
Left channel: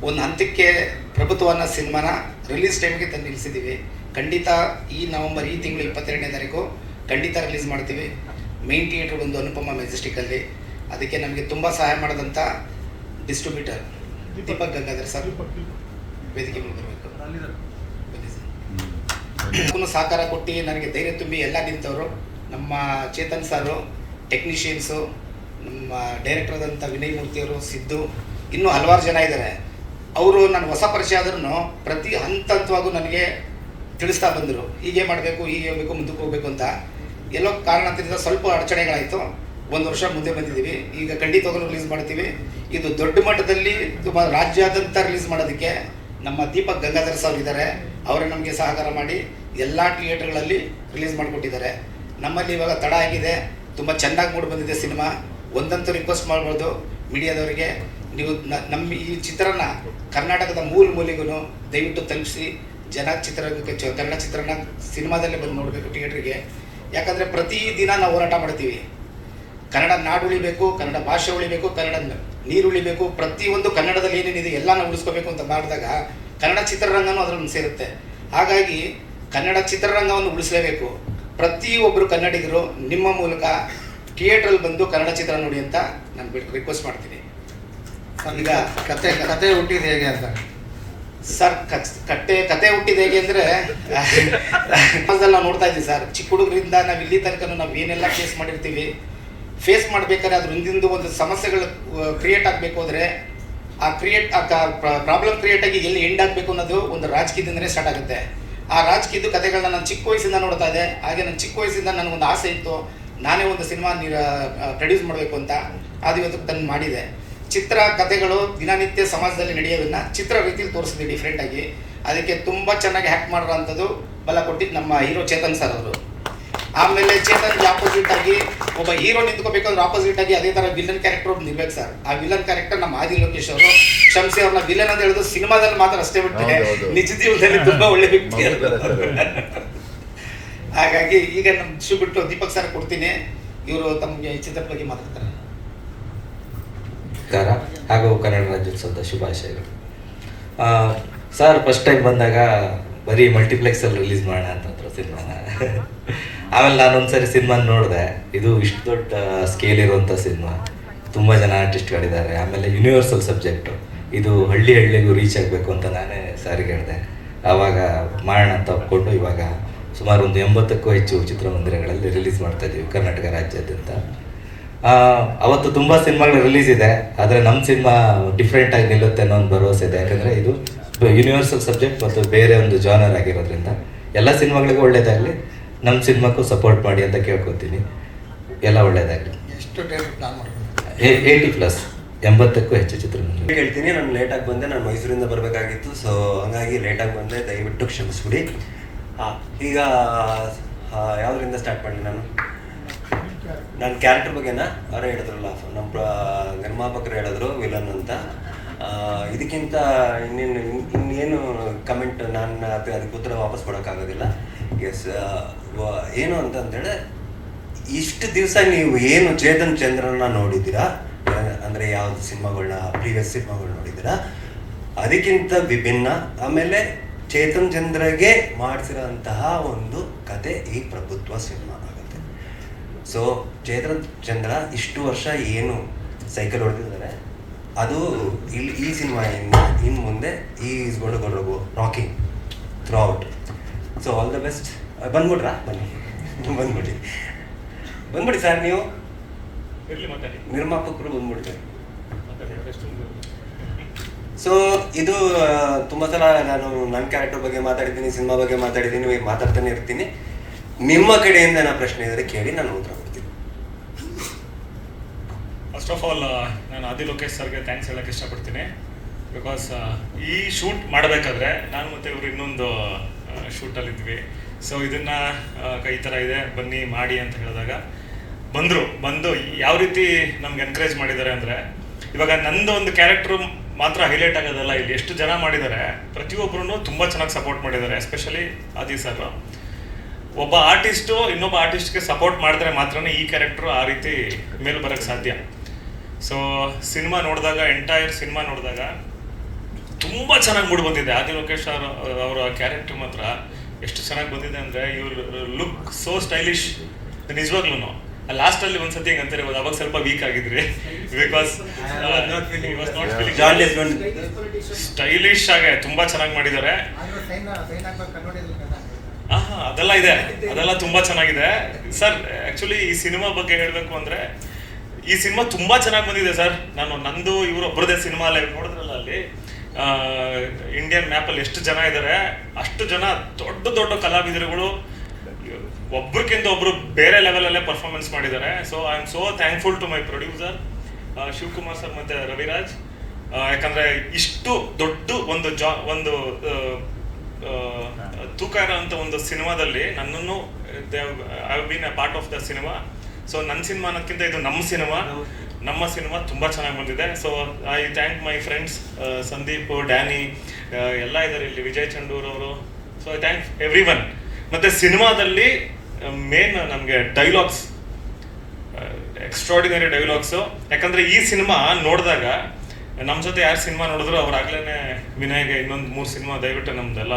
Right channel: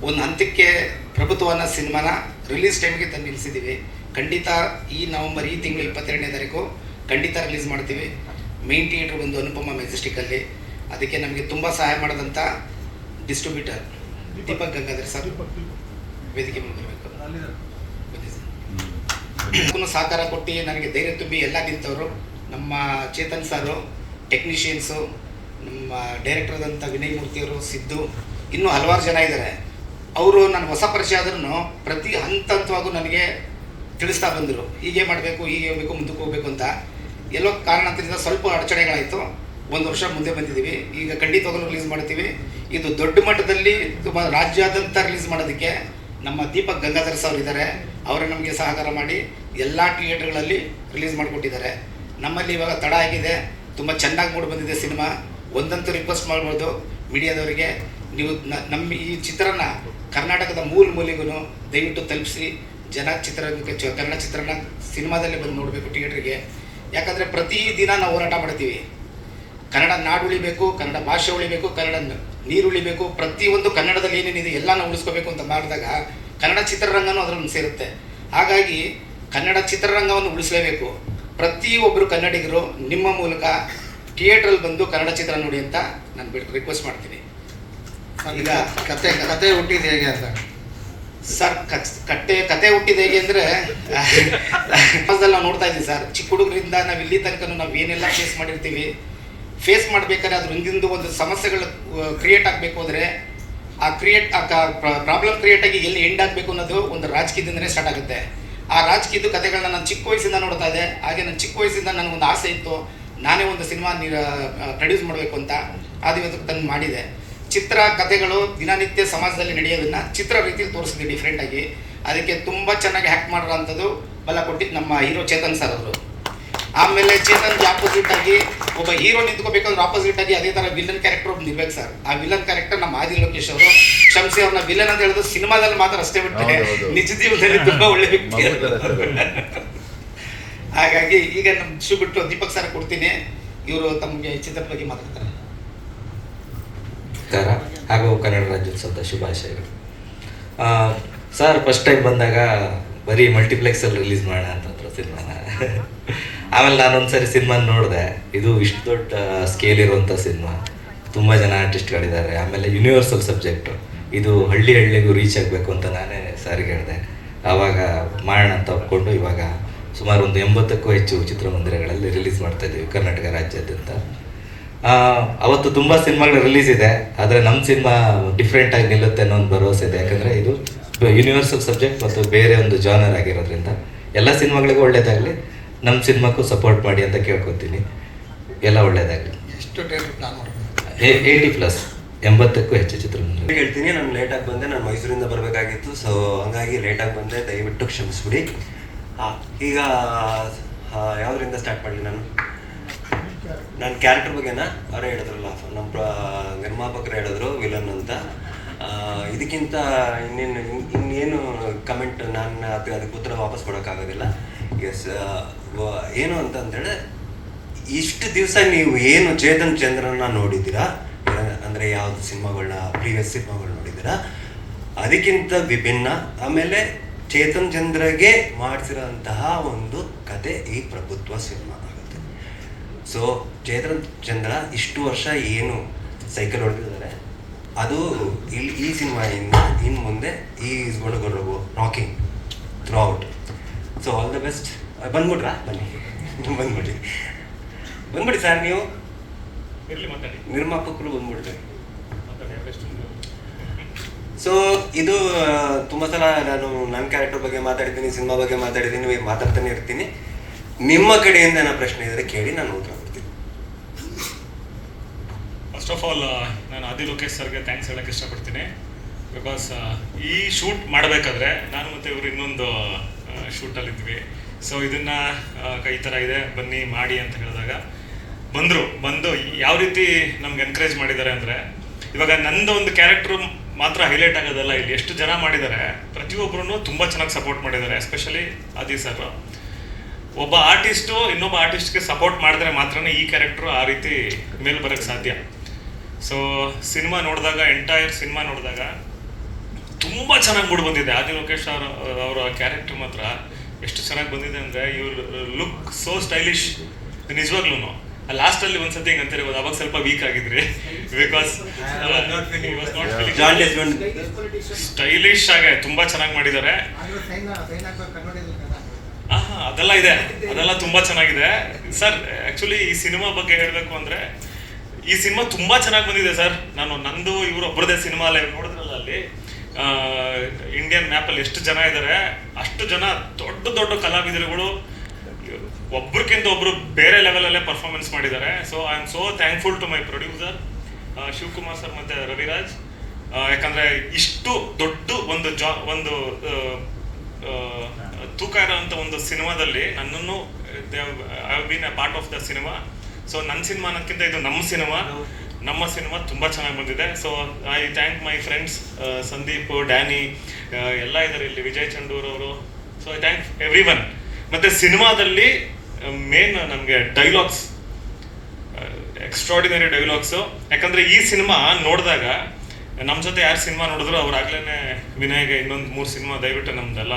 ಒಂದು ಹಂತಕ್ಕೆ ಪ್ರಭುತ್ವ ಅನ್ನೋ ಸಿನಿಮಾನ ರಿಲೀಸ್ ಟೈಮ್ಗೆ ತಂದು ನಿಲ್ಲಿಸಿದ್ದೀವಿ ಖಂಡಿತ ಈ ನವಂಬರ್ ಈ ತಿಂಗಳು ಇಪ್ಪತ್ತೆರಡನೇ ತಾರೀಕು ಖಂಡಿತ ರಿಲೀಸ್ ಮಾಡ್ತೀವಿ. ಮೇನ್ ಥಿಯೇಟ್ರ್ ಬಂದು ಅನುಪಮ ಮೆಜೆಸ್ಟಿಕ್ಕಲ್ಲಿ ಅದಕ್ಕೆ ನಮಗೆ ತುಂಬ ಸಹಾಯ ಮಾಡಿದಂಥ ಡಿಸ್ಟ್ರಿಬ್ಯೂಟರ್ ದೀಪಕ್ ಗಂಗಾಧರ್ ಸರ್. ವೇದಿಕೆ ಮುಂದಿರಬೇಕು ಸಹಕಾರ ಕೊಟ್ಟು ನನಗೆ ಧೈರ್ಯ ತುಂಬಿ ಎಲ್ಲ ನಿಂತವರು ನಮ್ಮ ಚೇತನ್ ಸಾರು ಟೆಕ್ನಿಷಿಯನ್ಸು ನಮ್ಮ ಡೈರೆಕ್ಟರ್ ಆದಂಥ ವಿನಯ್ ಮೂರ್ತಿಯವರು ಸಿದ್ದು, ಇನ್ನೂ ಹಲವಾರು ಜನ ಇದ್ದಾರೆ. ಅವರು ನಾನು ಹೊಸ ಪರಿಚಯ ಆದ್ರೂ ಪ್ರತಿ ಹಂತ ಹಂತವಾಗೂ ನನಗೆ ತಿಳಿಸ್ತಾ ಬಂದರು. ಹೀಗೆ ಮಾಡಬೇಕು, ಹೀಗೆ ಹೋಗಬೇಕು, ಮುಂದಕ್ಕೆ ಹೋಗಬೇಕು ಅಂತ. ಎಲ್ಲೋ ಕಾರಣದಿಂದ ಸ್ವಲ್ಪ ಅಡಚಣೆಗಳಾಯಿತು. ಒಂದು ವರ್ಷ ಮುಂದೆ ಬಂದಿದ್ದೀವಿ. ಈಗ ಖಂಡಿತವಾಗಲೂ ರಿಲೀಸ್ ಮಾಡ್ತೀವಿ. ಇದು ದೊಡ್ಡ ಮಟ್ಟದಲ್ಲಿ ತುಂಬ ರಾಜ್ಯಾದ್ಯಂತ ರಿಲೀಸ್ ಮಾಡೋದಕ್ಕೆ ನಮ್ಮ ದೀಪಕ್ ಗಂಗಾಧರ್ ಸರ್ ಇದ್ದಾರೆ. ಅವರು ನಮಗೆ ಸಹಕಾರ ಮಾಡಿ ಎಲ್ಲ ಥಿಯೇಟರ್ಗಳಲ್ಲಿ ರಿಲೀಸ್ ಮಾಡಿಕೊಟ್ಟಿದ್ದಾರೆ. ನಮ್ಮಲ್ಲಿ ಇವಾಗ ತಡ ಆಗಿದೆ. ತುಂಬ ಚೆನ್ನಾಗಿ ಮೂಡಿ ಬಂದಿದೆ ಸಿನಿಮಾ. ಒಂದಂತೂ ರಿಕ್ವೆಸ್ಟ್ ಮಾಡ್ಬೋದು ಮೀಡಿಯಾದವರಿಗೆ. ನೀವು ನಮ್ಮ ಈ ಚಿತ್ರನ ಕರ್ನಾಟಕದ ಮೂಲ ಮೂಲಿಗೂ ದಯವಿಟ್ಟು ತಲುಪಿಸಿ. ಜನ ಚಿತ್ರ ಚ- ಕನ್ನಡ ಚಿತ್ರನ ಸಿನಿಮಾದಲ್ಲೇ ಬಂದು ನೋಡಬೇಕು ಥಿಯೇಟ್ರಿಗೆ ಯಾಕಂದರೆ ಪ್ರತಿ ದಿನ ನಾವು ಹೋರಾಟ ಮಾಡ್ತೀವಿ. ಕನ್ನಡ ನಾಡು ಉಳಿಬೇಕು, ಕನ್ನಡ ಭಾಷೆ ಉಳಿಬೇಕು, ಕನ್ನಡ ನೀರು ಉಳಿಬೇಕು. ಪ್ರತಿಯೊಂದು ಕನ್ನಡದಲ್ಲಿ ಏನೇನಿದೆ ಎಲ್ಲ ನಾವು ಉಳಿಸ್ಕೋಬೇಕು ಅಂತ ಮಾಡಿದಾಗ ಕನ್ನಡ ಚಿತ್ರರಂಗನೂ ಅದರನ್ನು ಸೇರುತ್ತೆ. ಹಾಗಾಗಿ ಕನ್ನಡ ಚಿತ್ರರಂಗವನ್ನು ಉಳಿಸಲೇಬೇಕು. ಪ್ರತಿಯೊಬ್ಬರು ಕನ್ನಡಿಗರು ನಿಮ್ಮ ಮೂಲಕ ಥಿಯೇಟ್ರಲ್ಲಿ ಬಂದು ಕನ್ನಡ ಚಿತ್ರ ನೋಡಿ ಅಂತ ನಾನು ರಿಕ್ವೆಸ್ಟ್ ಮಾಡ್ತೀನಿ. ಈಗ ಕತೆ ಕತೆ ಹುಟ್ಟಿದ ಹೇಗೆ ಅಂತ? ಸರ್ ಕಟ್ಟೆ ಕತೆ ಹುಟ್ಟಿದ ಹೇಗೆ ಅಂದರೆ ಸಮಾಜದಲ್ಲಿ ನಾವು ನೋಡ್ತಾ ಇದ್ದೀವಿ ಸರ್. ಚಿಕ್ಕ ಹುಡುಗರಿಂದ ನಾವು ಇಲ್ಲಿ ತನಕ ನಾವು ಏನೆಲ್ಲ ಫೇಸ್ ಮಾಡಿರ್ತೀವಿ ಫೇಸ್ ಮಾಡ್ಬೇಕಾದ್ರೆ ಅದ್ರ ಹಿಂದಿಂದು ಒಂದು ಸಮಸ್ಯೆಗಳು ಕ್ರಿಯೇಟ್ ಆಗಬೇಕು ಅಂದ್ರೆ ಆ ಕ್ರಿಯೇಟ್ ಆ ಪ್ರಾಬ್ಲಮ್ ಕ್ರಿಯೇಟ್ ಆಗಿ ಎಲ್ಲಿ ಎಂಡ್ ಆಗಬೇಕು ಅನ್ನೋದು ಒಂದು ರಾಜಕೀಯದಿಂದನೇ ಸ್ಟಾರ್ಟ್ ಆಗುತ್ತೆ. ಆ ರಾಜಕೀಯದ ಕಥೆಗಳನ್ನ ನಾನು ಚಿಕ್ಕ ವಯಸ್ಸಿಂದ ನೋಡ್ತಾ ಇದ್ದೆ. ಹಾಗೆ ನನ್ನ ಚಿಕ್ಕ ವಯಸ್ಸಿಂದ ನನಗೊಂದು ಆಸೆ ಇತ್ತು. ನಾನೇ ಒಂದು ಸಿನಿಮಾ ಪ್ರೊಡ್ಯೂಸ್ ಮಾಡಬೇಕು ಅಂತ ಅದು ಇವತ್ತು ತಂದು ಮಾಡಿದೆ. ಚಿತ್ರ, ಕಥೆಗಳು ದಿನನಿತ್ಯ ಸಮಾಜದಲ್ಲಿ ನಡೆಯೋದನ್ನ ಚಿತ್ರ ರೀತಿಯಲ್ಲಿ ತೋರಿಸಿದ್ವಿ ಡಿಫ್ರೆಂಟಾಗಿ ಅದಕ್ಕೆ ತುಂಬ ಚೆನ್ನಾಗಿ ಹ್ಯಾಕ್ ಮಾಡಿರೋಂಥದ್ದು ಬಲ ಕೊಟ್ಟಿದ್ದು ನಮ್ಮ ಹೀರೋ ಚೇತನ್ ಸರ್ ಅವರು. ಆಮೇಲೆ ಚೇತನ್ ಆಪೋಸಿಟ್ ಆಗಿ ಒಬ್ಬ ಹೀರೋ ನಿಂತ್ಕೋಬೇಕಂದ್ರೆ ಆಪೋಸಿಟ್ ಆಗಿ ಅದೇ ತರ ವಿಲನ್ ಕ್ಯಾರೆಕ್ಟರ್ ಒಬ್ಬ ನಿಲ್ಬೇಕು ಸರ್ ಆ ವಿಲನ್ ಕ್ಯಾರೆಕ್ಟರ್ ನಮ್ಮ ಆದಿ ಲೋಕೇಶ್ ಅವರು ಕ್ಷಮಿಸಿ ಅವ್ರನ್ನ ವಿಲನ್ ಅಂತ ಹೇಳಿದ್ರು ಸಿನಿಮಾದಲ್ಲಿ ಮಾತ್ರ ಅಷ್ಟೇ ಬಿಟ್ಟರೆ ನಿಜ ಜೀವನದಲ್ಲಿ ತುಂಬಾ ಒಳ್ಳೆ ವ್ಯಕ್ತಿ ಹಾಗಾಗಿ ಈಗ ನಮ್ಮ ಶು ಬಿಟ್ಟು ದೀಪಕ್ ಸರ್ ಕೊಡ್ತೀನಿ. ಇವರು ತಮಗೆ ಚಿತ್ರದ ಬಗ್ಗೆ ಮಾತಾಡ್ತಾರೆ. ಹಾಗೂ ಕನ್ನಡ ರಾಜ್ಯೋತ್ಸವದ ಶುಭಾಶಯಗಳು. ಸರ್ ಫಸ್ಟ್ ಟೈಮ್ ಬಂದಾಗ ಬರೀ ಮಲ್ಟಿಪ್ಲೆಕ್ಸಲ್ಲಿ ರಿಲೀಸ್ ಮಾಡೋಣ ಅಂತಂದ್ರು ಸಿನಿಮಾನ. ಆಮೇಲೆ ನಾನು ಒಂದ್ಸರಿ ಸಿನಿಮಾ ನೋಡಿದೆ. ಇದು ಇಷ್ಟು ದೊಡ್ಡ ಸ್ಕೇಲ್ ಇರುವಂಥ ಸಿನಿಮಾ. ತುಂಬ ಜನ ಆರ್ಟಿಸ್ಟ್ಗಳಿದ್ದಾರೆ ಆಮೇಲೆ ಯೂನಿವರ್ಸಲ್ ಸಬ್ಜೆಕ್ಟು ಇದು ಹಳ್ಳಿ ಹಳ್ಳಿಗೂ ರೀಚ್ ಆಗಬೇಕು ಅಂತ ನಾನೇ ಸಾರಿಗೆ ಹೇಳಿದೆ. ಆವಾಗ ಮಾಡೋಣ ಅಂತ ಒಪ್ಕೊಂಡು ಇವಾಗ ಸುಮಾರು ಒಂದು ಎಂಬತ್ತಕ್ಕೂ ಹೆಚ್ಚು ಚಿತ್ರಮಂದಿರಗಳಲ್ಲಿ ರಿಲೀಸ್ ಮಾಡ್ತಾ ಇದ್ದೀವಿ ಕರ್ನಾಟಕ ರಾಜ್ಯಾದ್ಯಂತ. ಅವತ್ತು ತುಂಬ ಸಿನಿಮಾಗಳು ರಿಲೀಸ್ ಇದೆ. ಆದರೆ ನಮ್ಮ ಸಿನಿಮಾ ಡಿಫ್ರೆಂಟ್ ಆಗಿ ನಿಲ್ಲುತ್ತೆ ಅನ್ನೋ ಒಂದು ಭರವಸೆ ಇದೆ. ಯಾಕಂದರೆ ಇದು ಯೂನಿವರ್ಸಲ್ ಸಬ್ಜೆಕ್ಟ್ ಮತ್ತು ಬೇರೆ ಒಂದು ಜಾನರ್ ಆಗಿರೋದ್ರಿಂದ ಎಲ್ಲ ಸಿನಿಮಾಗಳಿಗೂ ಒಳ್ಳೇದಾಗಲಿ. ನಮ್ಮ ಸಿನಿಮಾಕ್ಕೂ ಸಪೋರ್ಟ್ ಮಾಡಿ ಅಂತ ಕೇಳ್ಕೊತೀನಿ. ಎಲ್ಲ ಒಳ್ಳೇದಾಗಲಿ. ಎಷ್ಟು ಡೇಟ್ ಪ್ಲಾನ್ ಮಾಡ್ಕೊಂಡು ಏಯ್ಟಿ ಪ್ಲಸ್ ಎಂಬತ್ತಕ್ಕೂ ಹೆಚ್ಚು ಚಿತ್ರಮಂದಿರ. ಹೇಳ್ತೀನಿ ನಾನು ಲೇಟಾಗಿ ಬಂದೆ ನಾನು ಮೈಸೂರಿಂದ ಬರಬೇಕಾಗಿತ್ತು ಸೊ ಹಂಗಾಗಿ ಲೇಟಾಗಿ ಬಂದೆ ದಯವಿಟ್ಟು ಕ್ಷಮಿಸ್ಬಿಡಿ. ಆ, ಈಗ ಯಾವುದರಿಂದ ಸ್ಟಾರ್ಟ್ ಮಾಡಿ ನಾನು? ನನ್ನ ಕ್ಯಾರೆಕ್ಟರ್ ಬಗ್ಗೆನ? ಅವರೇ ಹೇಳಿದ್ರಲ್ಲ ನಮ್ಮ ಪ್ರ- ನಿರ್ಮಾಪಕರು ಹೇಳಿದ್ರು ವಿಲನ್ ಅಂತ. ಆ, ಇದಕ್ಕಿಂತ ಇನ್ನೇನು ಇನ್ನೇನು ಕಮೆಂಟ್ ನಾನು ಅದು- ಅದಕ್ಕೆ ಉತ್ತರ ವಾಪಸ್ ಕೊಡೋಕ್ಕಾಗೋದಿಲ್ಲ. ಎಸ್ ಏನು ಅಂತಂದೇಳಿ ಇಷ್ಟು ದಿವಸ ನೀವು ಏನು ಚೇತನ್ ಚಂದ್ರನ ನೋಡಿದ್ದೀರಾ? ಅಂದರೆ ಯಾವ್ದು ಸಿನಿಮಾಗಳನ್ನ ಪ್ರೀವಿಯಸ್ ಸಿನಿಮಾಗಳು ನೋಡಿದ್ದೀರಾ? ಅದಕ್ಕಿಂತ ವಿಭಿನ್ನ, ಆಮೇಲೆ ಚೇತನ್ ಚಂದ್ರಗೆ ಮಾಡಿಸಿರೋಂತಹ ಒಂದು ಕತೆ ಈ ಪ್ರಭುತ್ವ ಸಿನಿಮಾ ಆಗುತ್ತೆ. ಸೊ ಚೇತನ್ ಚಂದ್ರ ಇಷ್ಟು ವರ್ಷ ಏನು ಸೈಕಲ್ ಹೊಡೆದಿದ್ದಾರೆ, ಅದು ಇಲ್ಲಿ ಈ ಸಿನಿಮಾಯಿಂದ ಇನ್ನು ಮುಂದೆ ಈ go rocking throughout so all the best ಬಂದ್ಬಿಟ್ರಾ? ಬನ್ನಿ. ಬಂದ್ಬಿಡಿ. ಬಂದ್ಬಿಡಿ ಸರ್ ನೀವು. ನಿರ್ಮಾಪಕರು ಬಂದ್ಬಿಡ್ತೀವಿ ಸೊ ಇದು ತುಂಬ ಸಲ ನಾನು ನನ್ನ ಕ್ಯಾರೆಕ್ಟರ್ ಬಗ್ಗೆ ಮಾತಾಡಿದ್ದೀನಿ ಸಿನಿಮಾ ಬಗ್ಗೆ ಮಾತಾಡಿದ್ದೀನಿ ಮಾತಾಡ್ತಾನೆ ಇರ್ತೀನಿ. ನಿಮ್ಮ ಕಡೆಯಿಂದ ನಾನು ಪ್ರಶ್ನೆ ಇದ್ರೆ ಕೇಳಿ ನಾನು ಉತ್ತರ ಕೊಡ್ತೀನಿ. ಫಸ್ಟ್ ಆಫ್ ಆಲ್ ನಾನು ಆದಿ ಲೋಕೇಶ್ ಸರ್ಗೆ ಥ್ಯಾಂಕ್ಸ್ ಹೇಳಕ್ಕೆ ಇಷ್ಟಪಡ್ತೀನಿ. ಬಿಕಾಸ್ ಈ ಶೂಟ್ ಮಾಡಬೇಕಾದ್ರೆ ನಾನು ಮತ್ತೆ ಇವರು ಇನ್ನೊಂದು ಶೂಟಲ್ಲಿ ಇದ್ವಿ ಸೊ ಇದನ್ನ ಕೈ ಥರ ಇದೆ. ಬನ್ನಿ, ಮಾಡಿ ಅಂತ ಹೇಳಿದಾಗ ಬಂದರು. ಬಂದು ಯಾವ ರೀತಿ ನಮ್ಗೆ ಎನ್ಕರೇಜ್ ಮಾಡಿದ್ದಾರೆ ಅಂದರೆ, ಇವಾಗ ನಂದು ಒಂದು ಕ್ಯಾರೆಕ್ಟ್ರು ಮಾತ್ರ ಹೈಲೈಟ್ ಆಗೋದಲ್ಲ, ಇಲ್ಲಿ ಎಷ್ಟು ಜನ ಮಾಡಿದ್ದಾರೆ ಪ್ರತಿಯೊಬ್ಬರು ತುಂಬ ಚೆನ್ನಾಗಿ ಸಪೋರ್ಟ್ ಮಾಡಿದ್ದಾರೆ ಎಸ್ಪೆಷಲಿ ಆದಿ ಸರ್ ಒಬ್ಬ ಆರ್ಟಿಸ್ಟು ಇನ್ನೊಬ್ಬ ಆರ್ಟಿಸ್ಟ್ಗೆ ಸಪೋರ್ಟ್ ಮಾಡಿದ್ರೆ ಮಾತ್ರನೇ ಈ ಕ್ಯಾರೆಕ್ಟ್ರು ಆ ರೀತಿ ಮೇಲೆ ಬರೋಕ್ಕೆ ಸಾಧ್ಯ. ಸೊ ಸಿನಿಮಾ ನೋಡಿದಾಗ ಎಂಟೈರ್ ಸಿನಿಮಾ ನೋಡಿದಾಗ ತುಂಬ ಚೆನ್ನಾಗಿ ಮೂಡ್ ಬಂದಿದೆ. ಆದಿ ಲೋಕೇಶ್ ಅವರ ಕ್ಯಾರೆಕ್ಟರ್ ಮಾತ್ರ. ಎಷ್ಟು ಚೆನ್ನಾಗಿ ಬಂದಿದೆ ಅಂದರೆ ಇವ್ರ ಲುಕ್ ಸೋ ಸ್ಟೈಲಿಶ್ ನಿಜವಾಗ್ಲೂ ಲಾಸ್ಟ್ ಅಲ್ಲಿ ಒಂದ್ಸತಿ ಹಿಂಗೆ ಅಂತಾರೆ ಅವಾಗ ಸ್ವಲ್ಪ ವೀಕ್ ಆಗಿದ್ರಿ. ಬಿಕಾಸ್ ಸ್ಟೈಲಿಶ್ ಆಗಿ ತುಂಬಾ ಚೆನ್ನಾಗಿ ಮಾಡಿದ್ದಾರೆ. ಅದೆಲ್ಲ ಇದೆ. ಅದೆಲ್ಲ ತುಂಬಾ ಚೆನ್ನಾಗಿದೆ. ಸರ್ ಆಕ್ಚುಲಿ ಈ ಸಿನಿಮಾ ಬಗ್ಗೆ ಹೇಳಬೇಕು ಅಂದ್ರೆ ಈ ಸಿನಿಮಾ ತುಂಬಾ ಚೆನ್ನಾಗಿ ಬಂದಿದೆ ಸರ್ ನಾನು ನಂದು ಇವರು ಒಬ್ಬರದೇ ಸಿನಿಮಾ ಅಲ್ಲಿ ನೋಡಿದ್ರಲ್ಲ ಅಲ್ಲಿ. ಇಂಡಿಯನ್ ಮ್ಯಾಪ್ ಅಲ್ಲಿ ಎಷ್ಟು ಜನ ಇದ್ದಾರೆ ಅಷ್ಟು ಜನ ದೊಡ್ಡ ದೊಡ್ಡ ಕಲಾವಿದರುಗಳು ಒಬ್ರಿಗಿಂತ ಒಬ್ರು ಬೇರೆ ಲೆವೆಲಲ್ಲೇ ಪರ್ಫಾರ್ಮೆನ್ಸ್ ಮಾಡಿದ್ದಾರೆ. So I am so thankful to my producer Shivakumar sir ಮತ್ತೆ ರವಿರಾಜ್. ಯಾಕಂದ್ರೆ ಇಷ್ಟು ದೊಡ್ಡ ಒಂದು ಜಾ, ಒಂದು ತೂಕ ಇರೋವಂಥ ಒಂದು ಸಿನಿಮಾದಲ್ಲಿ ನನ್ನನ್ನು I been a part of the cinema so ನನ್ನ ಸಿನಿಮಾ ಅನ್ನೋದಕ್ಕಿಂತ ಇದು ನಮ್ಮ ಸಿನಿಮಾ. ನಮ್ಮ ಸಿನಿಮಾ ತುಂಬ ಚೆನ್ನಾಗಿ ಬಂದಿದೆ. So I thank my friends Sandeep Danny ಎಲ್ಲ ಇದಾರೆ ಇಲ್ಲಿ ವಿಜಯ್ ಚಂಡೂರ್ ಅವರು. So I thank everyone ಮತ್ತೆ ಸಿನಿಮಾದಲ್ಲಿ ಮೇನ್ ನಮಗೆ ಡೈಲಾಗ್ಸ್ ಎಕ್ಸ್ಟ್ರಾಡಿನರಿ ಡೈಲಾಗ್ಸು ಯಾಕಂದ್ರೆ ಈ ಸಿನಿಮಾ ನೋಡಿದಾಗ ನಮ್ಮ ಜೊತೆ ಯಾರು ಸಿನಿಮಾ ನೋಡಿದ್ರು ಅವ್ರಾಗ್ಲೇ ವಿನಯ್ಗೆ ಇನ್ನೊಂದು ಮೂರು ಸಿನಿಮಾ ದಯವಿಟ್ಟು ನಮ್ದೆಲ್ಲ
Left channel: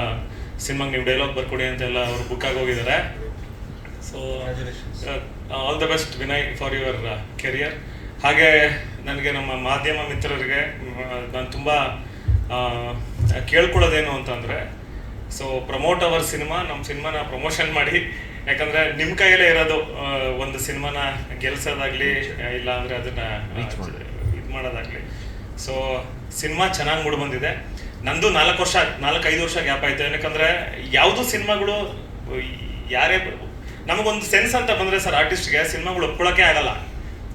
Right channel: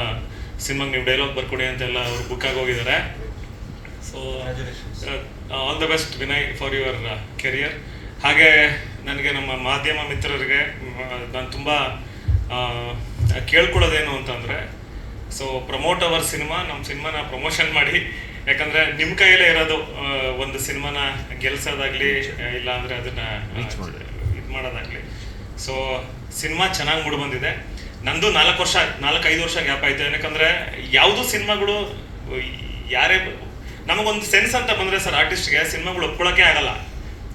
ಸಿನಿಮಾಗೆ ನೀವು ಡೈಲಾಗ್ ಬರ್ಕೊಡಿ ಅಂತೆಲ್ಲ ಅವ್ರು ಬುಕ್ ಆಗಿ ಹೋಗಿದ್ದಾರೆ so all the best Vinay for your career ಹಾಗೆ ನನಗೆ ನಮ್ಮ ಮಾಧ್ಯಮ ಮಿತ್ರರಿಗೆ ನಾನು ತುಂಬ ಕೇಳ್ಕೊಳ್ಳೋದೇನು ಅಂತಂದರೆ ಸೊ ಪ್ರಮೋಟ್ ಅವರ್ ಸಿನಿಮಾ ನಮ್ಮ ಸಿನಿಮಾನ ಪ್ರಮೋಷನ್ ಮಾಡಿ. ಯಾಕಂದ್ರೆ ನಿಮ್ಮ ಕೈಯಲ್ಲೇ ಇರೋದು ಒಂದು ಸಿನಿಮಾನ ಗೆಲ್ಸೋದಾಗ್ಲಿ ಇಲ್ಲ ಅಂದರೆ ಅದನ್ನ ಇದು ಮಾಡೋದಾಗ್ಲಿ. ಸೊ ಸಿನಿಮಾ ಚೆನ್ನಾಗಿ ಮೂಡಿ ಬಂದಿದೆ. ನಂದು ನಾಲ್ಕು ವರ್ಷ ನಾಲ್ಕು ಐದು ವರ್ಷ ಗ್ಯಾಪ್ ಆಯ್ತು. ಯಾಕಂದ್ರೆ ಯಾವುದು ಸಿನಿಮಾಗಳು ಯಾರೇ ನಮಗೊಂದು ಸೆನ್ಸ್ ಅಂತ ಬಂದ್ರೆ ಸರ್ ಆರ್ಟಿಸ್ಟ್ಗೆ ಸಿನಿಮಾಗಳು ಒಪ್ಕೊಳ್ಳೋಕೆ ಆಗಲ್ಲ.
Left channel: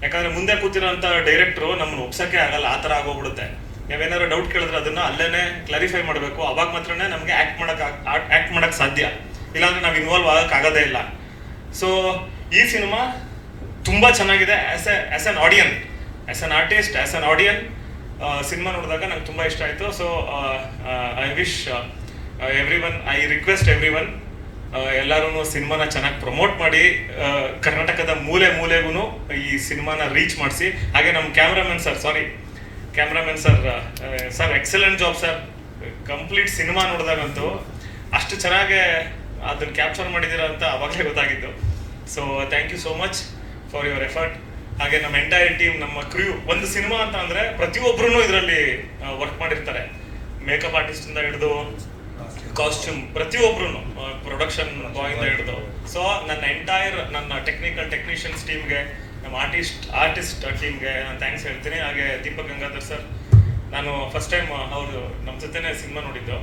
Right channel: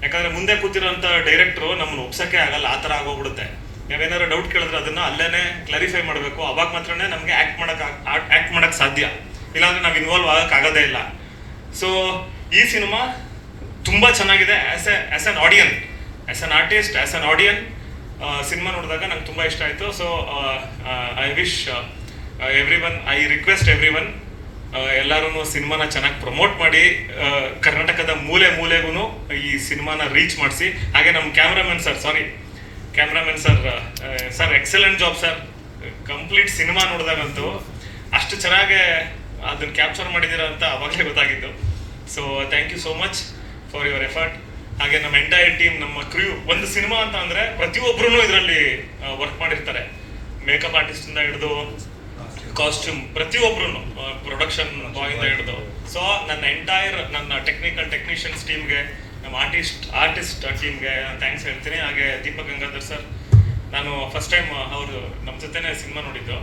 ಯಾಕಂದ್ರೆ ಮುಂದೆ ಕೂತಿರೋಂಥ ಡೈರೆಕ್ಟ್ರು ನಮ್ಮನ್ನು ಒಪ್ಸಕ್ಕೆ ಆಗಲ್ಲ, ಆ ಥರ ಆಗೋಗ್ಬಿಡುತ್ತೆ. ನಾವೇನಾದ್ರು ಡೌಟ್ ಕೇಳಿದ್ರೆ ಅದನ್ನ ಅಲ್ಲೇನೆ ಕ್ಲಾರಿಫೈ ಮಾಡಬೇಕು. ಅವಾಗ ಮಾತ್ರನೇ ನಮಗೆ ಆಕ್ಟ್ ಮಾಡಕ್ ಆಕ್ಟ್ ಮಾಡಕ್ ಸಾಧ್ಯ. ಇಲ್ಲಾಂದ್ರೆ ನಾವು ಇನ್ವಾಲ್ವ್ ಆಗಕ್ ಆಗೋದೇ ಇಲ್ಲ. ಸೊ ಈ ಸಿನಿಮಾ ತುಂಬಾ ಚೆನ್ನಾಗಿದೆ as a as an audience as an artist as an audience cinema ನೋಡಿದಾಗ ನಂಗೆ ತುಂಬಾ ಇಷ್ಟ ಆಯ್ತು. So I wish everyone I request everyone ಎಲ್ಲರೂ ಸಿನಿಮಾನ ಚೆನ್ನಾಗಿ ಪ್ರಮೋಟ್ ಮಾಡಿ ಕರ್ನಾಟಕದ ಮೂಲೆ ಮೂಲೆಗೂ ಈ ಸಿನಿಮಾನ ರೀಚ್ ಮಾಡಿಸಿ. ಹಾಗೆ ನಮ್ಮ cameraman sir sorry cameraman sir sir excellent job sir complete cinema ನೋಡಿದಾಗಂತೂ ಅಷ್ಟು ಚೆನ್ನಾಗೆ ಅದನ್ನ ಕ್ಯಾಪ್ಚರ್ ಮಾಡಿದ್ದೀರಾ ಅಂತ ಅವಾಗಲೇ ಗೊತ್ತಾಗಿದ್ದು so thank you so much for your effort ಹಾಗೆ ನಮ್ಮ ಎಂಟೈರ್ ಟೀಮ್ ನಮ್ಮ ಕ್ರ್ಯೂ ಒಂದು ಸಿನಿಮಾ ಅಂತ ಅಂದರೆ ಪ್ರತಿಯೊಬ್ಬರೂ ಇದರಲ್ಲಿ ವರ್ಕ್ ಮಾಡಿರ್ತಾರೆ. ಮೇಕಪ್ ಆರ್ಟಿಸ್ಟಿಂದ ಹಿಡಿದು ಕಾಸ್ಟ್ಯೂಮ್ ಪ್ರತಿಯೊಬ್ರು ಪ್ರೊಡಕ್ಷನ್ ಬಾಯ್ ಹಿಡಿದು. ಸೊ ನನ್ನ ಎಂಟೈರ್ ನನ್ನ ಟೆಕ್ನಿಕಲ್ ಟೆಕ್ನಿಷಿಯನ್ಸ್ ಟೀಮ್ಗೆ ನಮ್ಮ ಆರ್ಟಿಸ್ಟ್ ಆರ್ಟಿಸ್ಟ್ ಟೀಮ್ಗೆ ನಾನು ಥ್ಯಾಂಕ್ಸ್ ಹೇಳ್ತೀನಿ. ಹಾಗೆ ದೀಪಕ್ ಗಂಗಾಧರ್ ಸರ್ ನಾನು ಫಸ್ಟ್ ಟೈಮ್ ಅವರು ನಮ್ಮ ಜೊತೆನೇ ಸಿನಿಮಾ ನೋಡಿದ್ದು.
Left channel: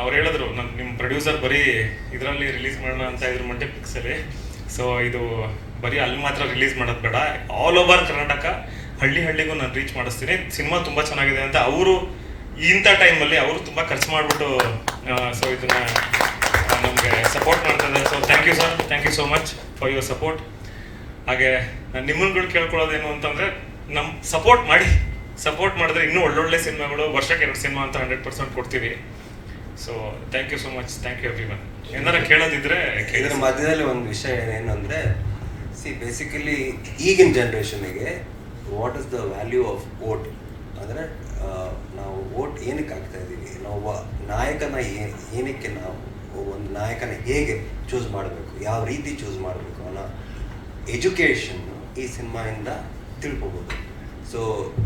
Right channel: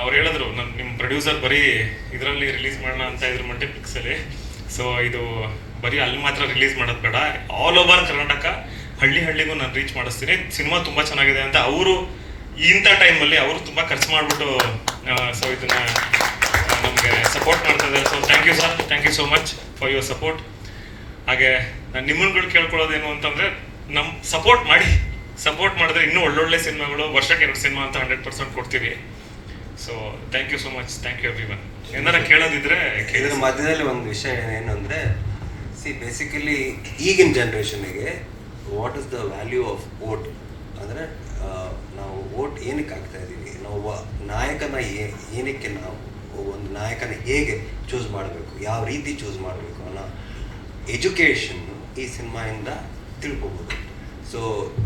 ಅವ್ರು ಹೇಳಿದ್ರು ನನ್ನ ನಿಮ್ಮ ಪ್ರೊಡ್ಯೂಸರ್ ಬರೀ ಇದರಲ್ಲಿ ರಿಲೀಸ್ ಮಾಡೋಣ ಅಂತ ಇದ್ರ ಮಂಟೆ ಪಿಕ್ಸಲ್ಲಿ ಸೊ ಇದು ಬರೀ ಅಲ್ಲಿ ಮಾತ್ರ ರಿಲೀಸ್ ಮಾಡೋದು ಬೇಡ. ಆಲ್ ಓವರ್ ಕರ್ನಾಟಕ ಹಳ್ಳಿ ಹಳ್ಳಿಗೂ ನಾನು ರೀಚ್ ಮಾಡಿಸ್ತೀನಿ. ಸಿನಿಮಾ ತುಂಬ ಚೆನ್ನಾಗಿದೆ ಅಂತ ಅವರು ಇಂಥ ಟೈಮಲ್ಲಿ ಅವರು ತುಂಬ ಖರ್ಚು ಮಾಡಿಬಿಟ್ಟು ಸೊ ಇದನ್ನ ನಮಗೆ ಸಪೋರ್ಟ್ ಮಾಡ್ತಾ ಇದ್ದಾರೆ so thank you sir thank you so much for your support ಹಾಗೆ ನಾನು ನಿಮ್ಮನ್ಗಳು ಕೇಳ್ಕೊಳ್ಳೋದೇನು ಅಂತಂದರೆ ನಮ್ಮ ಸಪೋರ್ಟ್ ಮಾಡಿ ಸಪೋರ್ಟ್ ಮಾಡಿದ್ರೆ ಇನ್ನೂ ಒಳ್ಳೊಳ್ಳೆ ಸಿನಿಮಾಗಳು, ವರ್ಷಕ್ಕೆ ಎರಡು ಸಿನಿಮಾ ಅಂತ ಹಂಡ್ರೆಡ್ ಪರ್ಸೆಂಟ್ ಕೊಡ್ತೀವಿ. So thank you so much thank you everyone ಏನಾರ ಕೇಳೋದಿದ್ರೆ ಕೇಳಿದ್ರೆ ಮಧ್ಯದಲ್ಲಿ ಒಂದು ವಿಷಯ ಏನಂದರೆ ಸಿ ಬೇಸಿಕಲಿ ಈಗಿನ ಜನ್ರೇಷನ್ಗೆ what is the value of vote ಅಂದರೆ ನಾವು ವೋಟ್ ಏನಕ್ಕೆ ಆಗ್ತಾ ಇದ್ದೀವಿ? ನಾವು ನಾಯಕನ ಏನಕ್ಕೆ ನಾವು ಒಂದು ನಾಯಕನ ಹೇಗೆ ಚೂಸ್ ಮಾಡಬೇಕು? ಯಾವ ರೀತಿ ಚೂಸ್ ಮಾಡಬೇಕು ಅನ್ನೋ ಎಜುಕೇಷನ್ ಈ ಸಿನಿಮಾಯಿಂದ ತಿಳ್ಕೊಬೋದು. ಸೊ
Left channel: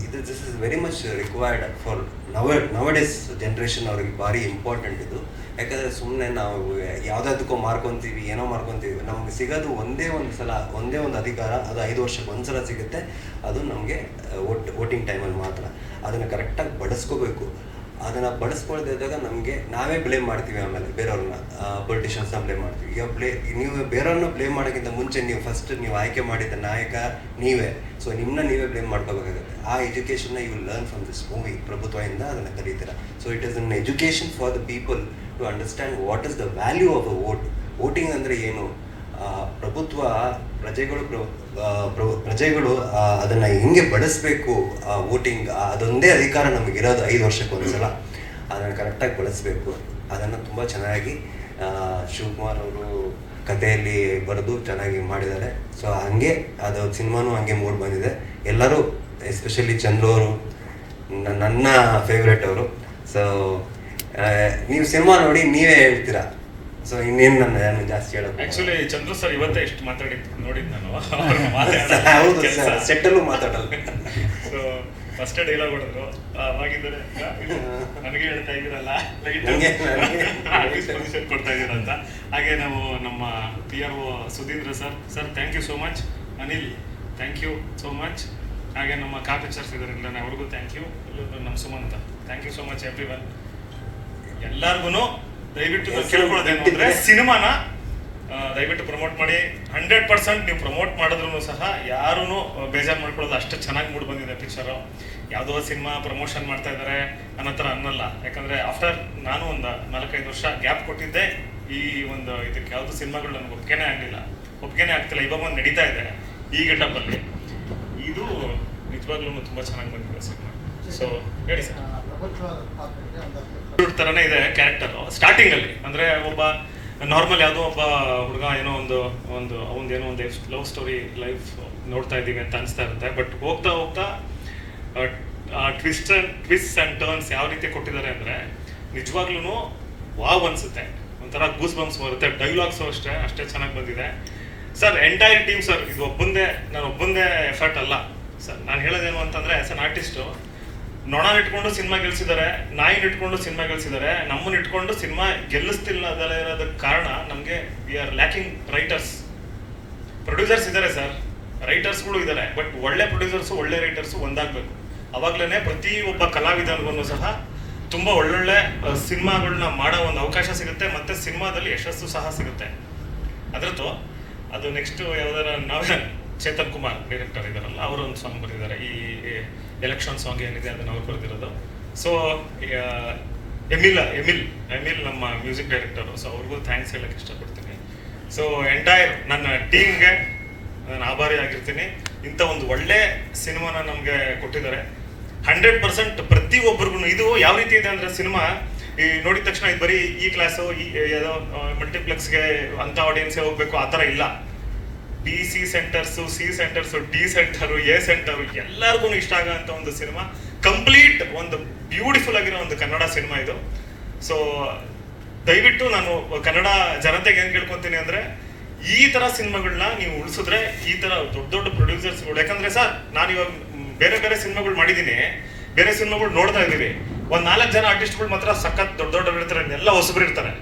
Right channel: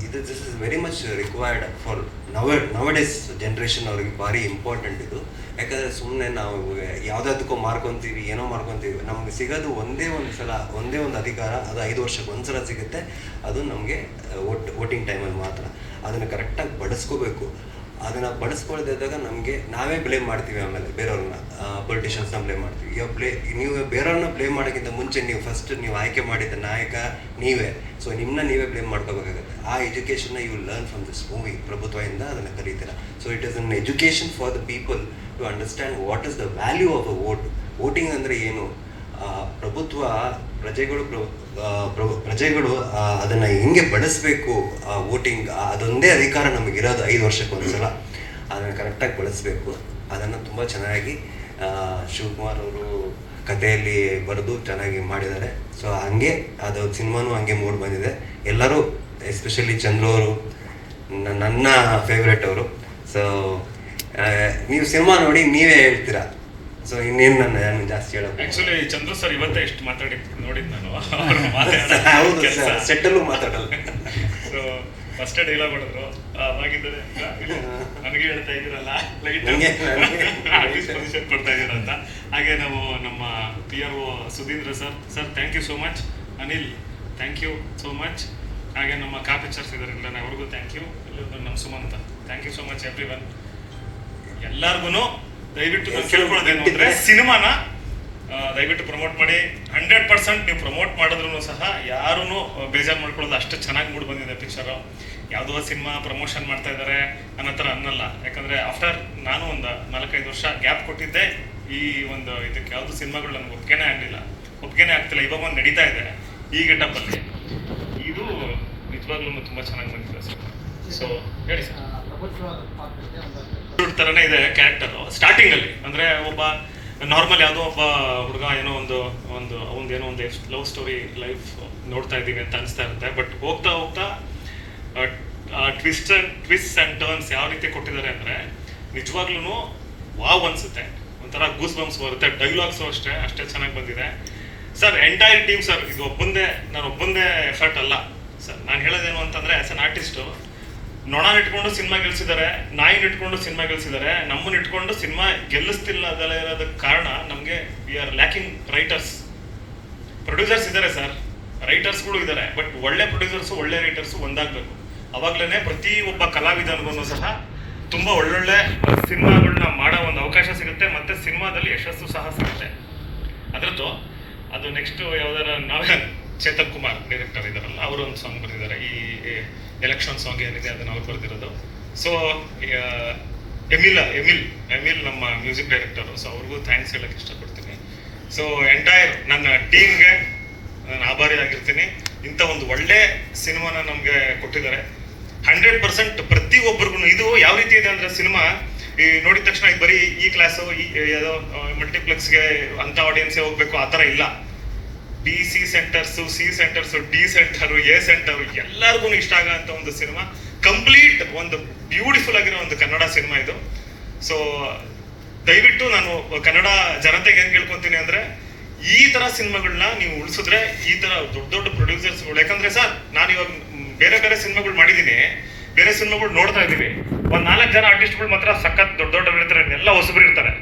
ಇದು this is very much required for now nowadays generation ಅವ್ರಿಗೆ ಭಾರಿ ಇಂಪಾರ್ಟೆಂಟ್ ಇದು. ಯಾಕಂದರೆ ಸುಮ್ಮನೆ ನಾವು ಯಾವ್ದಾದಕ್ಕೂ ಮಾರ್ಕೊತೀವಿ, ಏನೋ ಮಾರ್ಕೊತೀವಿ. ನಮ್ಗೆ ಸಿಗೋದು ಒಂದೇ ಒಂದು ಸಲ, ಒಂದೇ ಒಂದು ಅಧಿಕಾರ, ಅದು ಐದು ವರ್ಷಕ್ಕೆ ಒಂದು ಸಲ ಸಿಗುತ್ತೆ. ಅದು ನಮಗೆ ವೋಟ್, ವೋಟಿಂಗ್ ಟೈಮಲ್ಲಿ ಮಾತ್ರ. ಅದನ್ನು ಕರೆಕ್ಟಾಗಿ ಬಳಸ್ಕೋಬೇಕು. ಅದನ್ನ ಬಳಸ್ಕೊಳ್ದೇ ಇದ್ದಾಗ ನಮಗೆ, ನಾವೇ ಬ್ಲೇಮ್ ಮಾಡ್ತೀವಿ ಆಮೇಲೆ ಬೇರೆಯವ್ರನ್ನ. ಪೊಲಿಟಿಷಿಯನ್ಸ್ನ ಬ್ಲೇಮ್ ಮಾಡ್ತೀವಿ. ಈಗ ಬ್ಲೇ ನೀವು ಬೇರೆಯವ್ರನ್ನ ಬ್ಲೇಮ್ ಮಾಡೋಕ್ಕಿಂತ ಮುಂಚೆ ನೀವು ಫಸ್ಟ್ ನೀವು ಆಯ್ಕೆ ಮಾಡಿದ ನಾಯಕ ನೀವೇ. ಸೊ ನಿಮ್ಮನ್ನ ನೀವೇ ಬ್ಲೇಮ್ ಮಾಡ್ಕೋಬೇಕಾಗುತ್ತೆ. ಆ ಎಜುಕೇಷನ್ನ you learn from this movie ಪ್ರಭುತ್ವದಿಂದ ಅದನ್ನು ಕಲಿತೀರ so it is an education for the people to understand what is the value of a vote voting ಅಂದರೆ ಏನು? ಪ್ರಭುತ್ವ ಪ್ರಜೆಗಳು ಪ್ರಜೆಗಳು ಅದನ್ನು ಹೆಂಗೆ ಬಳಸಬೇಕು ವೋಟಿಂಗ್ ಅದೊಂದೇ ಅಧಿಕಾರ ನಮಗಿರೋದು ಐದು ವರ್ಷಕ್ಕೆ ಒಂದ್ಸಲ. ಅದನ್ನು ಕರೆಕ್ಟಾಗಿ ಬಳಸಬೇಕು. ಅದನ್ನು ತುಂಬ ಚೆನ್ನಾಗಿ ಶಿವಕುಮಾರ್ ಅವರು ಕಥೆಯಲ್ಲಿ ಬರೆದು ಚೆನ್ನಾಗಿ ಮಾಡಿದ್ದಾರೆ. ಸೊ ಹಂಗೆ ಅದು ಸಿನಿಮಾನು ಹಂಗೆ ಮೂಡ್ ಬಂದಿದೆ. ಎಲ್ಲರೂ ಎಸ್ಪೆಷಲಿ ಚಂದ್ರು ಅವರು ನನ್ನ ಫೇವ್ರೆಟ್ ಅವರು. ಸೊ ನೀವು ಸಿನಿಮಾ ನೋಡಿ ನೀವೇ ಹೇಳ್ತೀರಾ? ಸೊ ಇನ್ನೇನು ನನ್ನ ನಾನು ಜಾಸ್ತಿ ಹೇಳೋದು ಆಕ್ಚುಲಿ ಚಂದ್ರ ಸರ್ ಇವತ್ತೇ ಇಷ್ಟು ಮಾತಾಡಿ ನೋಡಿದ್ ನಾನು. ಹೌದು ಸೆಟ್ಟಲ್ಲೂ ಮಾತಾಡಲ್ಲ. ಸೊ ಫಸ್ಟ್ ಡೈಲಾಗ್ ಹೊಡೆದ್ರು. ಅವಾಗಿದ್ದರೆ ನನಗೆ ಹೇಳ್ತಾ ಇದ್ದೀರಲ್ಲ ಪರ್ಮಿಷನ್ ಕೊಡ್ತಾ ಇದ್ದೀರಾ ಅಂತ. ಹಾಗೆ ನಾವು ನಮ್ಮ P R O Sudhindra sir sir thank you so much Anil thank you so much ಹಾಗೆ ನಮ್ಮ ಕಾ ಪಿಕ್ಚರ್ಸ್ ಇದಾರೆ ಅವ್ರಿಗೂ ಥ್ಯಾಂಕ್ ಯು ಎಲ್ಲರೂ ನಮ್ಮ Sumantha. Thank you so much everyone ಎಲ್ಲಾರ್ಗು ದಯವಿಟ್ಟು ನಾನು ಕೇಳ್ಕೊಳ್ಳೋದೇನು ಅಂದ್ರೆ ಸಿನಿಮಾನ ದಯವಿಟ್ಟು ಪ್ರಮೋಟ್ ಮಾಡಿ. ಹಂಡ್ರೆಡ್ ಪರ್ಸೆಂಟ್ ನೀವು ಪ್ರಮೋಟ್ ಮಾಡಿದ್ರು ಸಹ ಯಾರೂ ಬೇಜಾರು ಮಾಡ್ಕೊಳ್ಳೋದು ಅಷ್ಟು ಚೆನ್ನಾಗಿ ಮೂಡ್ ಬಂದಿದೆ ಪಿಕ್ಚರು ಯಾವುದೋ ಸಿನಿಮಾ ಪ್ರಮೋಷನ್ ಮಾಡ್ತಾ ಇದ್ದಾರೆ ಅನ್ನೋ ಥರ ಅನ್ನಲ್ಲ. ಯಾಕಂದ್ರೆ ಆಫ್ಟರ್ ನಾನು ಒಂದು ನಾಲ್ಕೈದು ವರ್ಷ ಗ್ಯಾಪ್ ಕೊಟ್ಟಿದ್ದೆ ಈ ಒಂದು ಇದಕ್ಕೆ ಯಾವುದು ಸಿನಿಮಾಗಳು ನನಗೆ ಒಪ್ಪಿಗೆನೇ ಆಗಲಿಲ್ಲ. ಒಪ್ಪಿಗೆನೇ ಆಗ್ತಿಲ್ಲ. ಇವಾಗ ಒಂದು ನಡೀತಾ ಇದೆ ಈ ಗೆಟಪ್ಪಲ್ಲಿ ಇದು ನಿಜವಾಗ್ಲೂ ತುಂಬಾ ಚೆನ್ನಾಗಿ ಬಂದಿದೆ ಸೊ ಹೇಳಿ ಸರ್. ಹುಡುಗ ತರನೇ ಇದೆ ಕ್ಯಾರೆಕ್ಟರ್ ಸ್ಟಾರ್ಟಿಂಗಲ್ಲಿ ಅಂದ್ರೆ ಒಬ್ಬ ನಾರ್ಮಲ್ ಯಾವುದೋ ಒಬ್ಬ ಹುಡುಗ ಏನೋ ಒಂದು ಒಂದು ಅವನ್ ಏನೋ ಒಂದು ಲವ್ ಸ್ಟೋರಿ ಲೈಫ್ ನೋಡ್ತಾ ಇದ್ದೀವಿ ಅಂತ ಅನಿಸ್ತಾ ಇರುತ್ತೆ. ಬಟ್ ಹೋಗ್ತಾ ಹೋಗ್ತಾ, ಆ ಟ್ವಿಸ್ಟ್ ಟ್ವಿಸ್ಟ್ ಅಂಡ್ ಟರ್ನ್ಸ್ ಯಾವ ರೀತಿ ಕೊಟ್ಟಿದ್ದಾರೆ ಅಂದ್ರೆ ನಿಜವಾಗ್ಲೂ ವಾವ್ ಅನ್ಸುತ್ತೆ. ಒಂಥರ ಗೂಸ್ ಬಂಪ್ಸ್ ಬರುತ್ತೆ ಡೈಲಾಗ್ಸ್ ಅಷ್ಟೇ ಅಷ್ಟೇ ಚೆನ್ನಾಗಿ ಬಂದಿದೆ. ಸರ್ ಎಂಟೈರ್ ಟೀಮ್ ಸರ್ ಇದು ಒಬ್ಬಂದೇ ನಾನು ಒಬ್ಬಂದೇ ಎಫರ್ಟ್ ಅಲ್ಲ. ಸರ್ ನಾನು ಹೇಳೋದೇನು ಅಂತಂದ್ರೆ ಆಸ್ ಅನ್ ಆರ್ಟಿಸ್ಟು ನೊಣ ಇಟ್ಕೊಂಡು ಸಿನಿಮಾ ಗೆಲ್ಸಿದ್ದಾರೆ, ನಾಯಿನ ಇಟ್ಕೊಂಡು ಸಿನಿಮಾ ಗೆಲ್ಸಿದ್ದಾರೆ, ನಮ್ಮನ್ನ ಇಟ್ಕೊಂಡು ಸಿನಿಮಾ ಗೆಲ್ಲಿಸ್ತಿಲ್ಲ ಇರೋದಕ್ಕೆ ಕಾರಣ ನಮಗೆ we are lacking writers producers ಇದ್ದಾರೆ ಸರ್ ರೈಟರ್ಸ್ಗಳು ಇದ್ದಾರೆ. ಬಟ್ ಒಳ್ಳೆ ಪ್ರೊಡ್ಯೂಸರ್ಸ್ ಒಳ್ಳೆ ರೈಟರ್ಸು ಒಂದಾಗಬೇಕು. ಅವಾಗ್ಲೇ ಪ್ರತಿ ಒಬ್ಬ ಕಲಾವಿದನಿಗೂ ಸಹ ತುಂಬಾ ಒಳ್ಳೊಳ್ಳೆ ಸಿನಿಮಾಗಳನ್ನ ಮಾಡೋ ಒಂದು ಅವಕಾಶ ಸಿಗುತ್ತೆ, ಮತ್ತೆ ಸಿನಿಮಾದಲ್ಲಿ ಯಶಸ್ಸು ಸಹ ಸಿಗುತ್ತೆ. ಅದರದ್ದು ಅದು ನೆಕ್ಸ್ಟ್ ಯಾವ್ದಾರ ನಾವೇ ಚೇತನ್ ಕುಮಾರ್ ಡೈರೆಕ್ಟರ್ ಇದಾರಲ್ಲ ಅವರು ಒಂದು ಸಾಂಗ್ ಬರೆದಿದ್ದಾರೆ ಈ ಎಲೆಕ್ಷನ್ ಸಾಂಗ್ ಏನಿದೆ ಅದನ್ನ ಅವ್ರು ಬರೆದಿರೋದು ಸೊ ಎಮಿಲ್ ಎಮಿಲ್ ಎಮಿಲ್ ನಮ್ಮ ಮ್ಯೂಸಿಕ್ ಡೈರೆಕ್ಟರ್ ಸೊ ಅವ್ರಿಗೂ ಥ್ಯಾಂಕ್ಸ್ ಹೇಳಕ್ ಇಷ್ಟಪಡ್ತೀನಿ. ಸೊ ಎಂಟೈರ್ ನನ್ನ ಟೀಮ್ಗೆ ನಾನು ಆಭಾರಿ ಆಗಿರ್ತೀನಿ. ಇಂಥ ಒಂದು ಒಳ್ಳೆ ಸಿನಿಮಾನ ನಮಗೆ ಕೊಟ್ಟಿದ್ದಾರೆ. ಹಂಡ್ರೆಡ್ ಪರ್ಸೆಂಟ್ ಪ್ರತಿ ಒಬ್ಬರಿಗೂ ಇದು ಯಾವ ರೀತಿ ಇದೆ ಅಂದ್ರೆ ಸಿನಿಮಾ, ಈ ನೋಡಿದ ತಕ್ಷಣ ಇದು ಬರೀ ಈ ಕ್ಲಾಸು ಈ, ಯಾವುದೋ ಮಲ್ಟಿಪ್ಲೆಕ್ಸ್ಗೆ ಅಂಥ ಆಡಿಯನ್ಸೇ ಹೋಗ್ಬೇಕು, ಆ ಥರ ಇಲ್ಲ. B C centres C centres D centre A centre ಎಲ್ಲರಿಗೂ ಇಷ್ಟ ಆಗೋ ಒಂದು ಸಿನಿಮಾ. ಕಂಪ್ಲೀಟ್ ಒಂದು ಬ್ಯೂಟಿಫುಲ್ ಆಗಿರೋ ಒಂದು ಕನ್ನಡ ಸಿನಿಮಾ ಇದು. ಸೊ ದಯವಿಟ್ಟು ನಾನು ಕನ್ನಡ ಜನತೆಗೆ ಏನ್ ಕೇಳ್ಕೊತೀನಿ ಅಂದ್ರೆ, ಈ ತರ ಸಿನಿಮಾಗಳನ್ನ ನೀವು ಉಳಿಸಿದ್ರೆ ಈ ತರ ದೊಡ್ಡ ದೊಡ್ಡ ಪ್ರೊಡ್ಯೂಸರ್ಸ್ಗಳು ಯಾಕಂದ್ರೆ ಸರ್ ನಾನು ಇವಾಗ ಬೇರೆ ಬೇರೆ ಸಿನಿಮಾಗಳು ಮಾಡಿದ್ದೀನಿ ಬೇರೆ ಸಿನಿಮಾಗಳು ನೋಡ್ತಾ ಇದೀವಿ ಒಂದ್ ನಾಲ್ಕು ಜನ ಆರ್ಟಿಸ್ಟ್ಗಳು ಮಾತ್ರ ಸಖತ್ ದೊಡ್ಡ ದೊಡ್ಡ ಇರ್ತಾರೆ ಎಲ್ಲ ಹೊಸಬ್ರು ಇರ್ತಾರೆ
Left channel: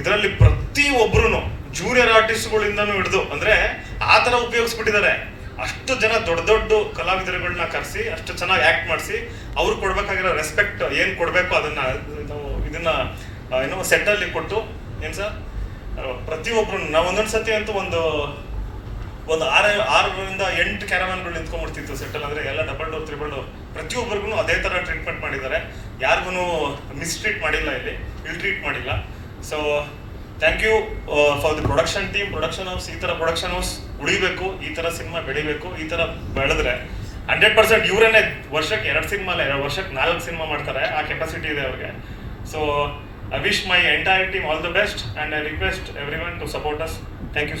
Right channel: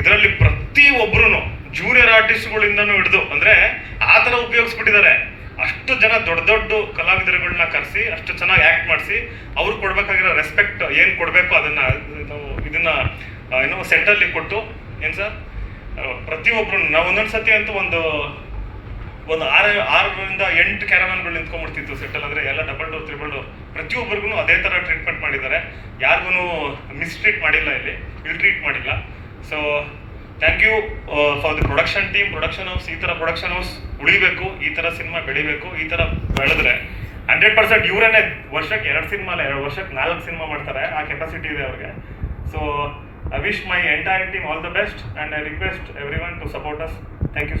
ಇದರಲ್ಲಿ ಪ್ರತಿ ಒಬ್ರು ಜೂನಿಯರ್ ಆರ್ಟಿಸ್ಟ್ಗಳಿಂದನೂ ಹಿಡಿದು, ಅಂದ್ರೆ ಆ ಥರ ಉಪಯೋಗಿಸ್ಬಿಟ್ಟಿದ್ದಾರೆ. ಅಷ್ಟು ಜನ ದೊಡ್ಡ ದೊಡ್ಡ ಕಲಾವಿದರುಗಳನ್ನ ಕರೆಸಿ, ಅಷ್ಟು ಚೆನ್ನಾಗಿ ಆಕ್ಟ್ ಮಾಡಿಸಿ, ಅವ್ರು ಕೊಡ್ಬೇಕಾಗಿರೋ ರೆಸ್ಪೆಕ್ಟ್ ಏನು ಕೊಡಬೇಕು ಅದನ್ನ, ಇದು- ಇದನ್ನ ಏನು ಸೆಟ್ ಅಲ್ಲಿ ಕೊಟ್ಟು, ಏನು ಸರ್? ಪ್ರತಿಯೊಬ್ರು, ನಾವು ಒಂದೊಂದು ಸತಿ ಅಂತೂ ಒಂದು ಒಂದು ಆರು, ಆರರಿಂದ ಎಂಟು ಕ್ಯಾರವಾನ್ಗಳು ನಿಂತ್ಕೊಂಡ್ಬಿಡ್ತಿತ್ತು ಸೆಟಲ್ ಅಂದ್ರೆ ಎಲ್ಲ ಡಬಲ್ ಡೋರ್ ತ್ರಿಬಲ್ ಡೋರ್ ಪ್ರತಿಯೊಬ್ಬರಿಗೂ ಅದೇ ತರ ಟ್ರೀಟ್ಮೆಂಟ್ ಮಾಡಿದ್ದಾರೆ. ಯಾರಿಗೂ ಮಿಸ್ಟ್ರೀಟ್ ಮಾಡಿಲ್ಲ ಇಲ್ಲಿ ಇಲ್ಲಿ ಟ್ರೀಟ್ ಮಾಡಿಲ್ಲ. So thank you for the production team production house ಈ ಥರ ಪ್ರೊಡಕ್ಷನ್ ಹೌಸ್ ಉಳಿಬೇಕು, ಈ ಥರ ಸಿನಿಮಾ ಬೆಳಿಬೇಕು, ಈ ತರ ಬೆಳೆದ್ರೆ ಹಂಡ್ರೆಡ್ ಪರ್ಸೆಂಟ್ ಇವರೇನೆ ವರ್ಷಕ್ಕೆ ಎರಡು ಸಿನಿಮಾ ಅಲ್ಲ, ಎರಡು ವರ್ಷಕ್ಕೆ ನಾಲ್ಕು ಸಿನಿಮಾ ಮಾಡ್ತಾರೆ, ಆ ಕೆಪಾಸಿಟಿ ಇದೆ ಅವ್ರಿಗೆ. So I wish my entire team all the best and I request everyone to support us thank you so